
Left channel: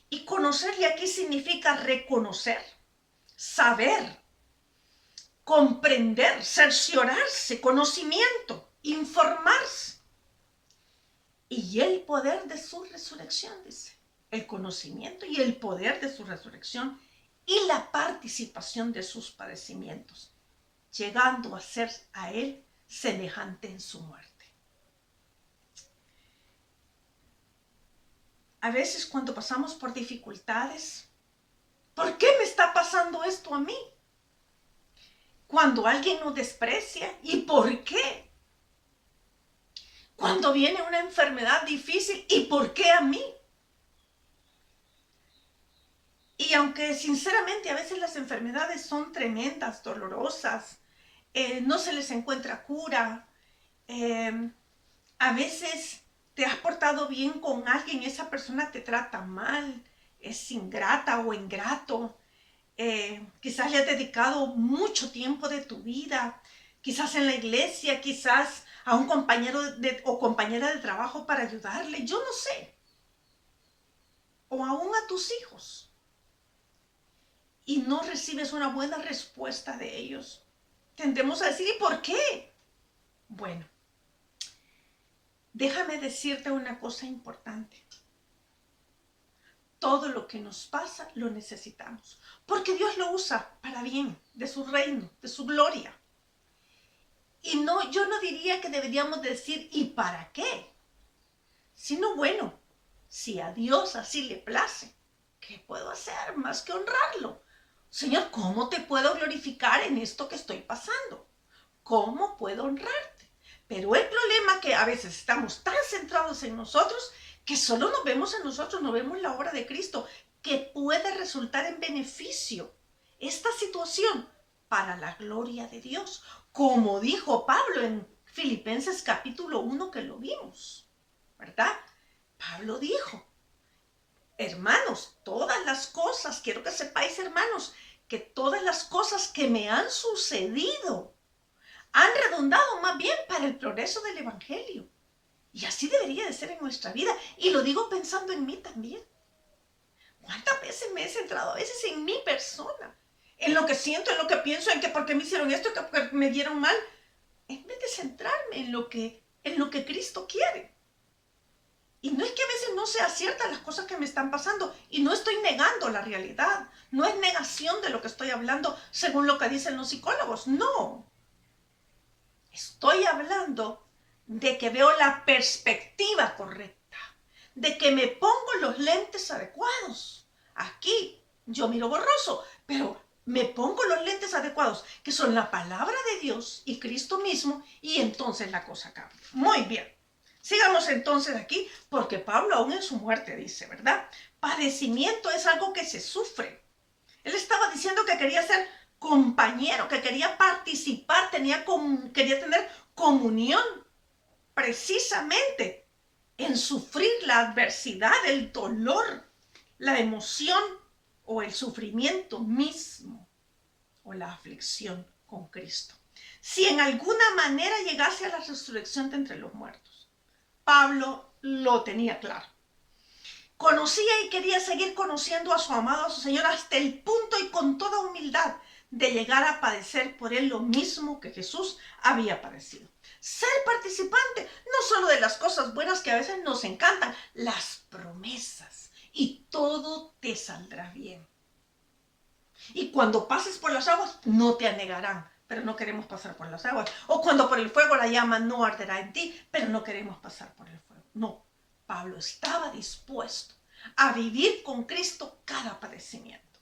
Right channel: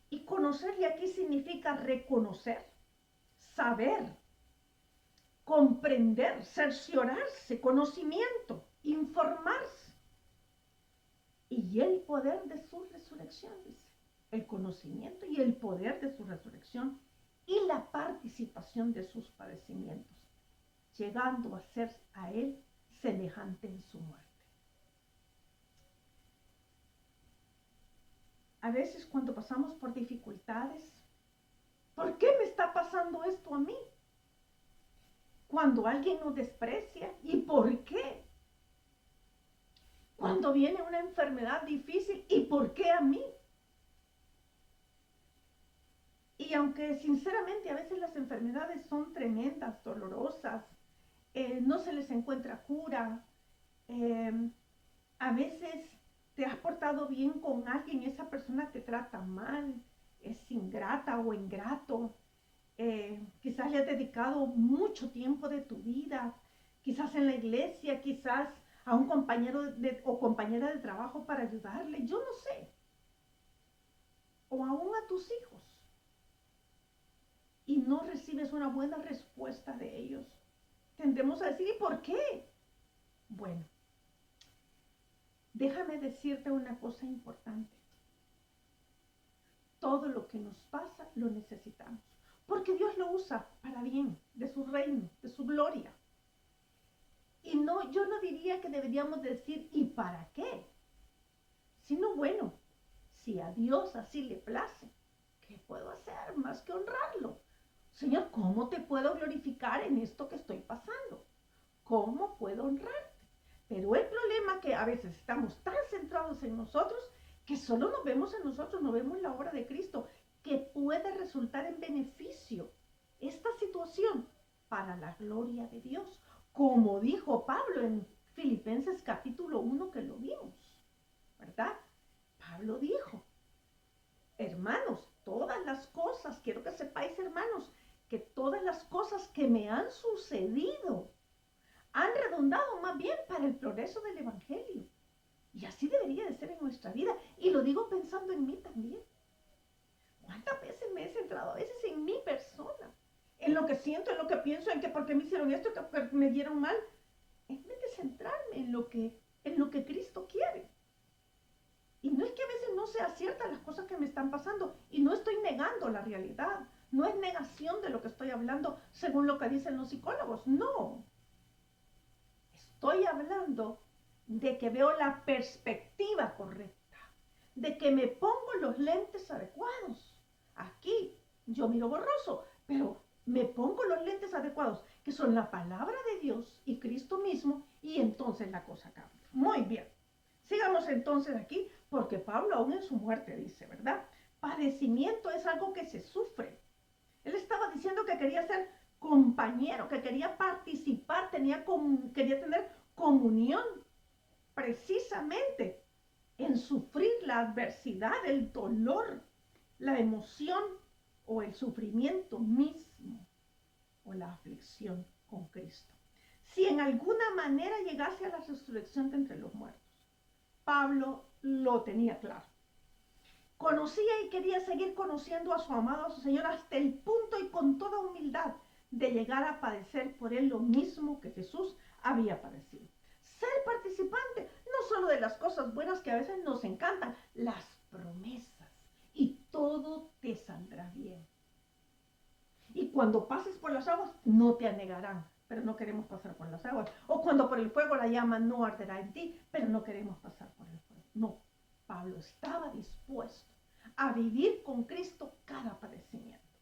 Y conocerle aquí significa reconocer, saber, comprender, cerciorarse, conocimiento, informarse. Y el poder de su resurrección, dice, el conocimiento y el poder de su resurrección y la participación de sus padecimientos, llegando a ser a él semejante en su muerte. A veces cuando pasamos por dificultades, ¿por qué me está pasando esto a mí? Cuando alguien nos desprecia, ¿y por qué? Cuando viene una enfermedad difícil, ¿y por qué a mí? Y aunque sinceramente a veces las enfermedades son tremendas, dolorosas, no se les encuentra cura, a veces te has portado bien con alguien, esa persona te trata mal, es ingrata o ingrato, quizás le has dedicado mucho tiempo de tu vida, quizás en la iglesia, quizás a un compañero o compañera de trabajo para ayudarle, yo no sé, o aún a tus hijos, y no recibes una buena respuesta de ellos. Tendemos a decir, ¿y por qué? Bueno, déjame decirte una cosa importante. Todo lo que nos pasa lo necesitamos, porque Dios lo usa para bien, de su reino, de su gloria. Y no, yo no diría que deberíamos decir, ¿y para qué? Sino, bueno, si a Dios así le place, ¿qué puedo hacer más que honrarlo? Señor, ¿cómo te puedo glorificar en esto que estoy pasando? ¿Cómo puedo honrarte? Pero el problema es que a veces estamos tan centrados en nosotros que solo nos vemos en nosotros, no vemos la obra de Cristo, que puede resultar en beneficio esta situación para la gloria de Dios, como dijo Pablo en Filipenses capítulo 1 que lo vimos, ¿verdad? Pablo dijo, hermanos, todas las cosas, quiero que sepáis, hermanos, que todas las cosas que me han sucedido han redundado más bien para el progreso del Evangelio. Y así debería de ser en nuestra vida. Y lo digo pensando en mí también. ¿Cuántas veces me he centrado a veces en mi persona? En lo que siento, en lo que pienso, en que por qué me hicieron esto, que porque me dieron mal. En vez de centrarme en lo que Cristo quiere. Y no es que a veces no sea cierta las cosas que me están pasando. Y no estoy negando la realidad. No es negación de lo que estoy hablando según lo que dicen los psicólogos. No. Estoy hablando de que veo la perspectiva correcta, de que me pongo los lentes adecuados. Aquí yo miro borroso, pero me pongo los lentes adecuados, que son la palabra de Dios y Cristo mismo, y entonces la cosa cambia. Muy bien. Sigamos entonces aquí, porque Pablo aún en su muerte dice, ¿verdad? Padecimiento es algo que se sufre. Él estaba diciendo que quería ser compañero, que quería participar, quería tener comunión precisamente en sufrir la adversidad, el dolor, la emoción o el sufrimiento mismo o la aflicción con Cristo. Si en alguna manera llegase a la resurrección de entre los muertos, Pablo lo tenía claro. Conocía y quería seguir conociendo a su amado, a su Señor, hasta el punto y con toda humildad de llegar a padecer por él lo mismo que Jesús había padecido. Ser participante no solo de las cosas buenas que a veces nos encantan, las promesas, y todo te saldrá bien. Y cuando pases por las aguas, no te anegarán, pero no queremos pasar por las aguas. O cuando por el fuego la llama no arderá en ti, pero no queremos pasar por el fuego. No, Pablo estaba dispuesto a vivir con Cristo cada padecimiento.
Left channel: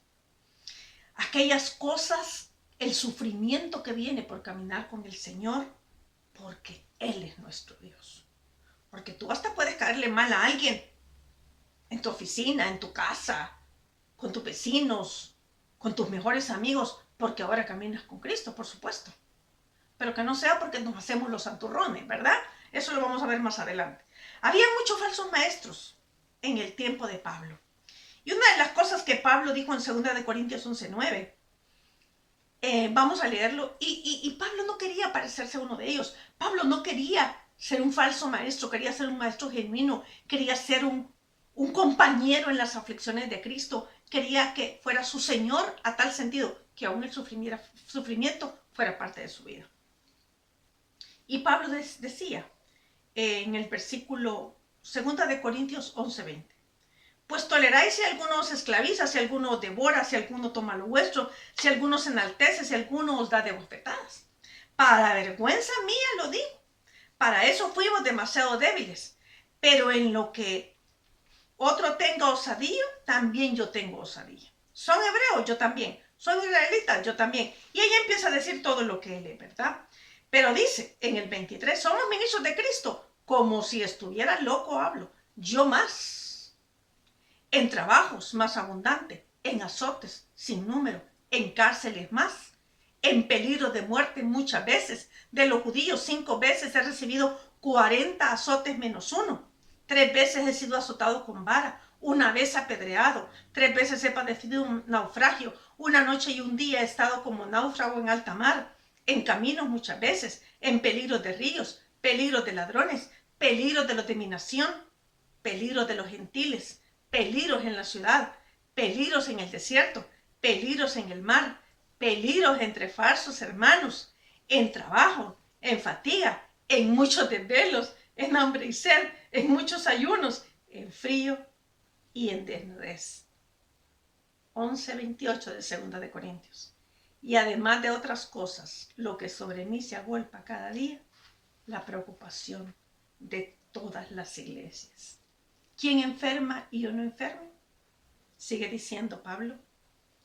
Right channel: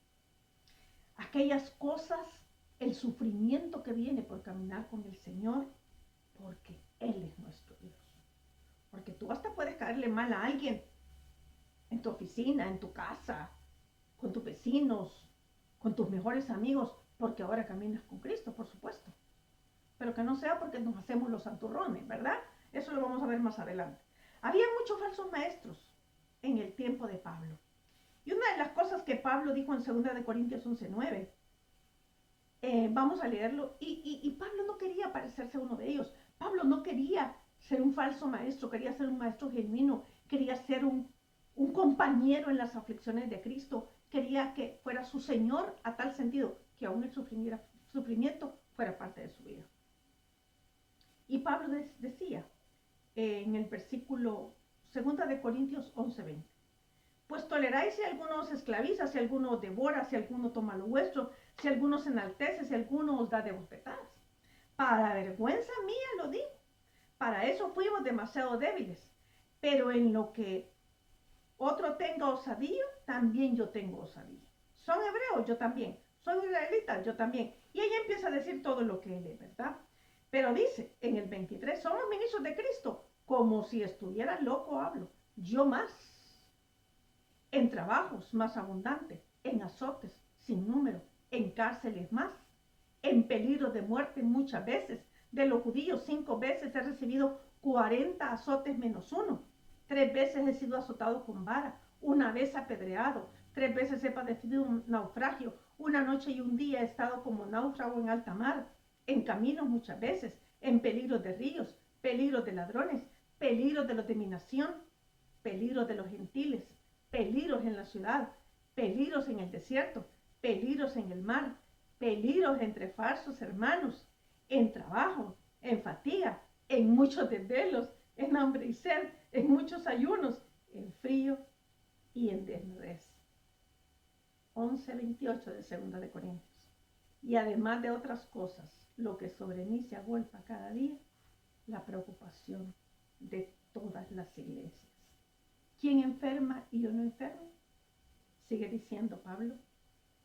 Aquellas cosas, el sufrimiento que viene por caminar con el Señor, porque Él es nuestro Dios. Porque tú hasta puedes caerle mal a alguien en tu oficina, en tu casa, con tus vecinos, con tus mejores amigos, porque ahora caminas con Cristo, por supuesto. Pero que no sea porque nos hacemos los santurrones, ¿verdad? Eso lo vamos a ver más adelante. Había muchos falsos maestros en el tiempo de Pablo. Y una de las cosas que Pablo dijo en 2 Corintios 11:9, vamos a leerlo, y Pablo no quería parecerse a uno de ellos. Pablo no quería ser un falso maestro, quería ser un maestro genuino, quería ser un compañero en las aflicciones de Cristo, quería que fuera su Señor a tal sentido que aún el sufrimiento fuera parte de su vida. Y Pablo decía en el versículo 2 Corintios 11:20, pues toleráis si alguno os esclaviza, si alguno os devora, si alguno toma lo vuestro, si alguno se enaltece, si alguno os da de bofetadas. Para vergüenza mía lo digo. Para eso fuimos demasiado débiles. Pero en lo que otro tenga osadía, también yo tengo osadía. Son hebreos, yo también. Son israelitas, yo también. Y ella empieza a decir todo lo que él es, ¿verdad? Pero dice en el 23, somos ministros de Cristo. Como si estuviera loco hablo. Yo más. En trabajos más abundante, en azotes sin número, en cárceles más, en peligro de muerte muchas veces. De los judíos 5 veces he recibido 40 azotes menos uno. 3 veces he sido azotado con vara, una vez apedreado, 3 veces he padecido un naufragio, una noche y un día he estado como náufrago en alta mar, en caminos muchas veces, en peligros de ríos, peligros de ladrones, peligros de los de mi nación, peligros de los gentiles, peligros en la ciudad, peligros en el desierto, peligros en el mar, peligros entre falsos hermanos, en trabajo, en fatiga, en muchos desvelos, en hambre y sed, en muchos ayunos, en frío y en desnudez. 11:28 de 2 Corintios. Y además de otras cosas, lo que sobre mí se agolpa cada día, la preocupación de todas las iglesias. ¿Quién enferma y yo no enfermo? Sigue diciendo Pablo.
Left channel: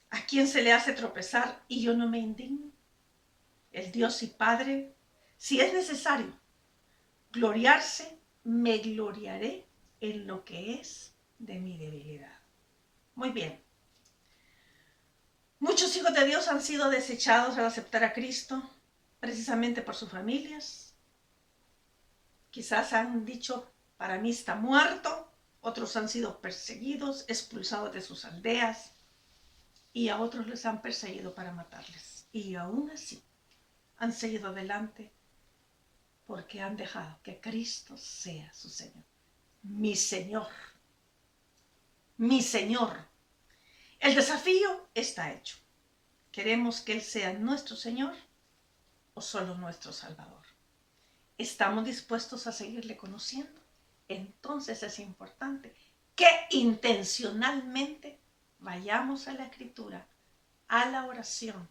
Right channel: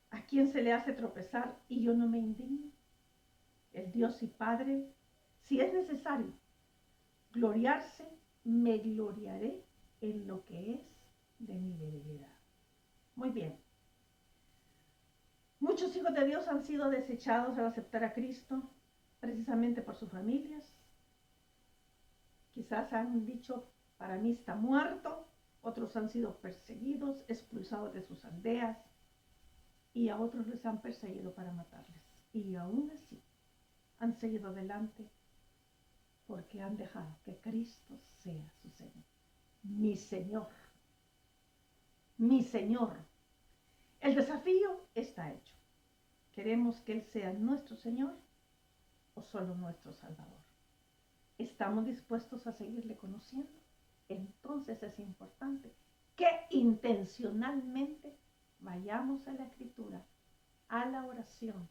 ¿A quién se le hace tropezar y yo no me indigno? El Dios y Padre, si es necesario gloriarse, me gloriaré en lo que es de mi debilidad. Muy bien. Muchos hijos de Dios han sido desechados al aceptar a Cristo, precisamente por sus familias. Quizás han dicho, para mí está muerto. Otros han sido perseguidos, expulsados de sus aldeas, y a otros les han perseguido para matarles. Y aún así han seguido adelante porque han dejado que Cristo sea su Señor. Mi Señor. Mi Señor. El desafío está hecho. ¿Queremos que Él sea nuestro Señor o solo nuestro Salvador? ¿Estamos dispuestos a seguirle conociendo? Entonces es importante que intencionalmente vayamos a la Escritura, a la oración,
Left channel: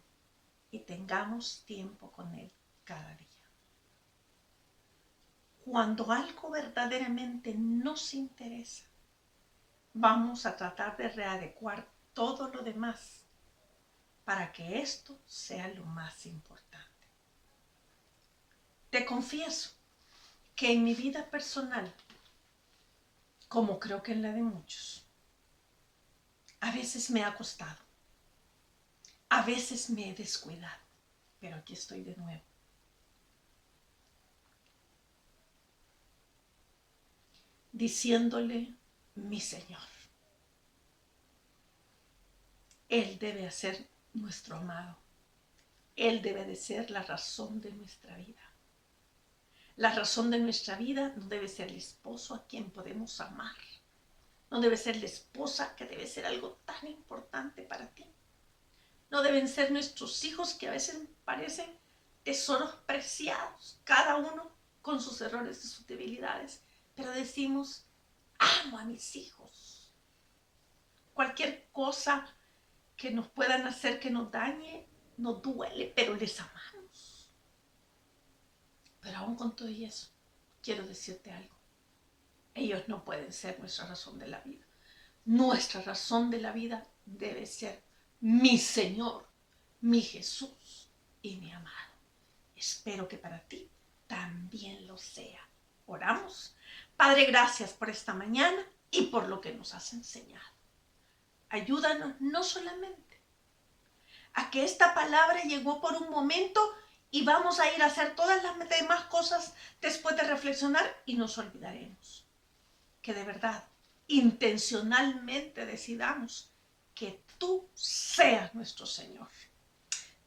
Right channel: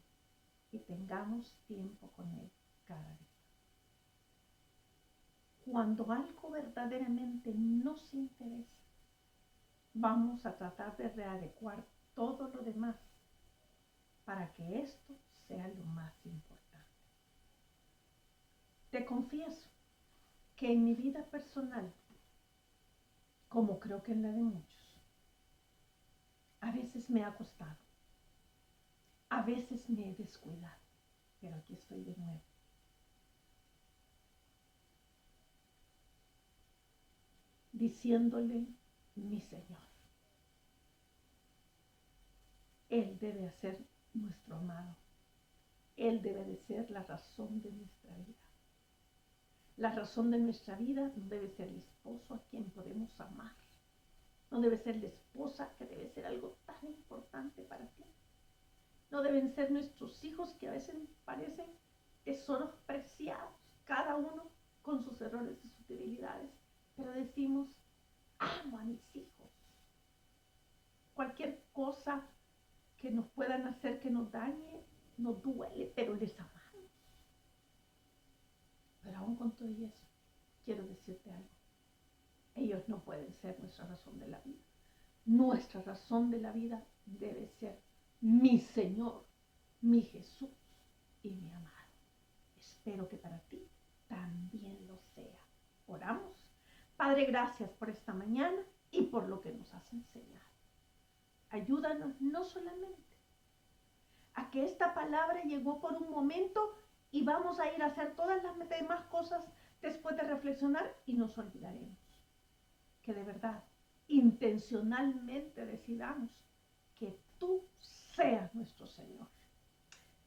y tengamos tiempo con Él cada día. Cuando algo verdaderamente nos interesa, vamos a tratar de readecuar todo lo demás para que esto sea lo más importante. Te confieso que en mi vida personal, como creo que en la de muchos, a veces me ha costado, a veces me he descuidado, pero aquí estoy de nuevo. Diciéndole, mi Señor, Él debe ser nuestro amado. Él debe de ser la razón de nuestra vida. La razón de nuestra vida no debe ser el esposo a quien podemos amar. No debe ser la esposa que debe ser algo tan importante para ti. No deben ser nuestros hijos que a veces parecen tesoros preciados, cada uno con sus errores y sus debilidades. Pero decimos, amo a mis hijos. Cualquier cosa que nos puedan hacer que nos dañe, nos duele, pero les amamos. Pero aún con todo eso, quiero decirte algo. Ellos no pueden ser nuestra razón de la vida. Nuestra razón de la vida debe ser mi Señor, mi Jesús y mi amado. Espero que para ti también lo sea. Oramos. Padre, gracias por esta mañana y por lo que nos has enseñado. Ayúdanos no solamente a que esta palabra llegó por un momento y vamos a ir a hacer todas las demás cosas después de reflexionar y nos olvidaremos. Que de verdad, intencionalmente decidamos que tú seas nuestro Señor.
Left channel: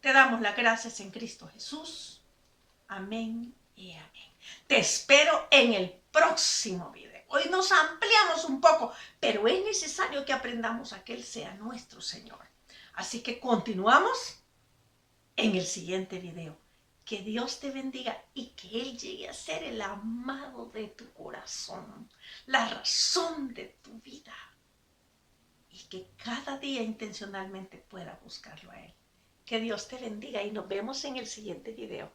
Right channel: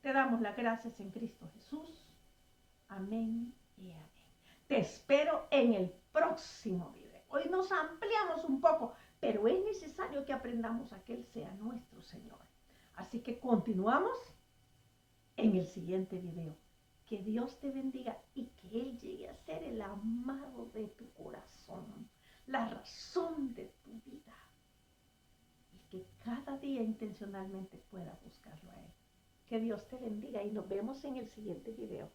Te damos las gracias en Cristo Jesús. Amén y amén. Te espero en el próximo video. Hoy nos ampliamos un poco, pero es necesario que aprendamos a que Él sea nuestro Señor. Así que continuamos en el siguiente video. Que Dios te bendiga y que Él llegue a ser el amado de tu corazón, la razón de tu vida. Y que cada día intencionalmente pueda buscarlo a Él. Que Dios te bendiga y nos vemos en el siguiente video.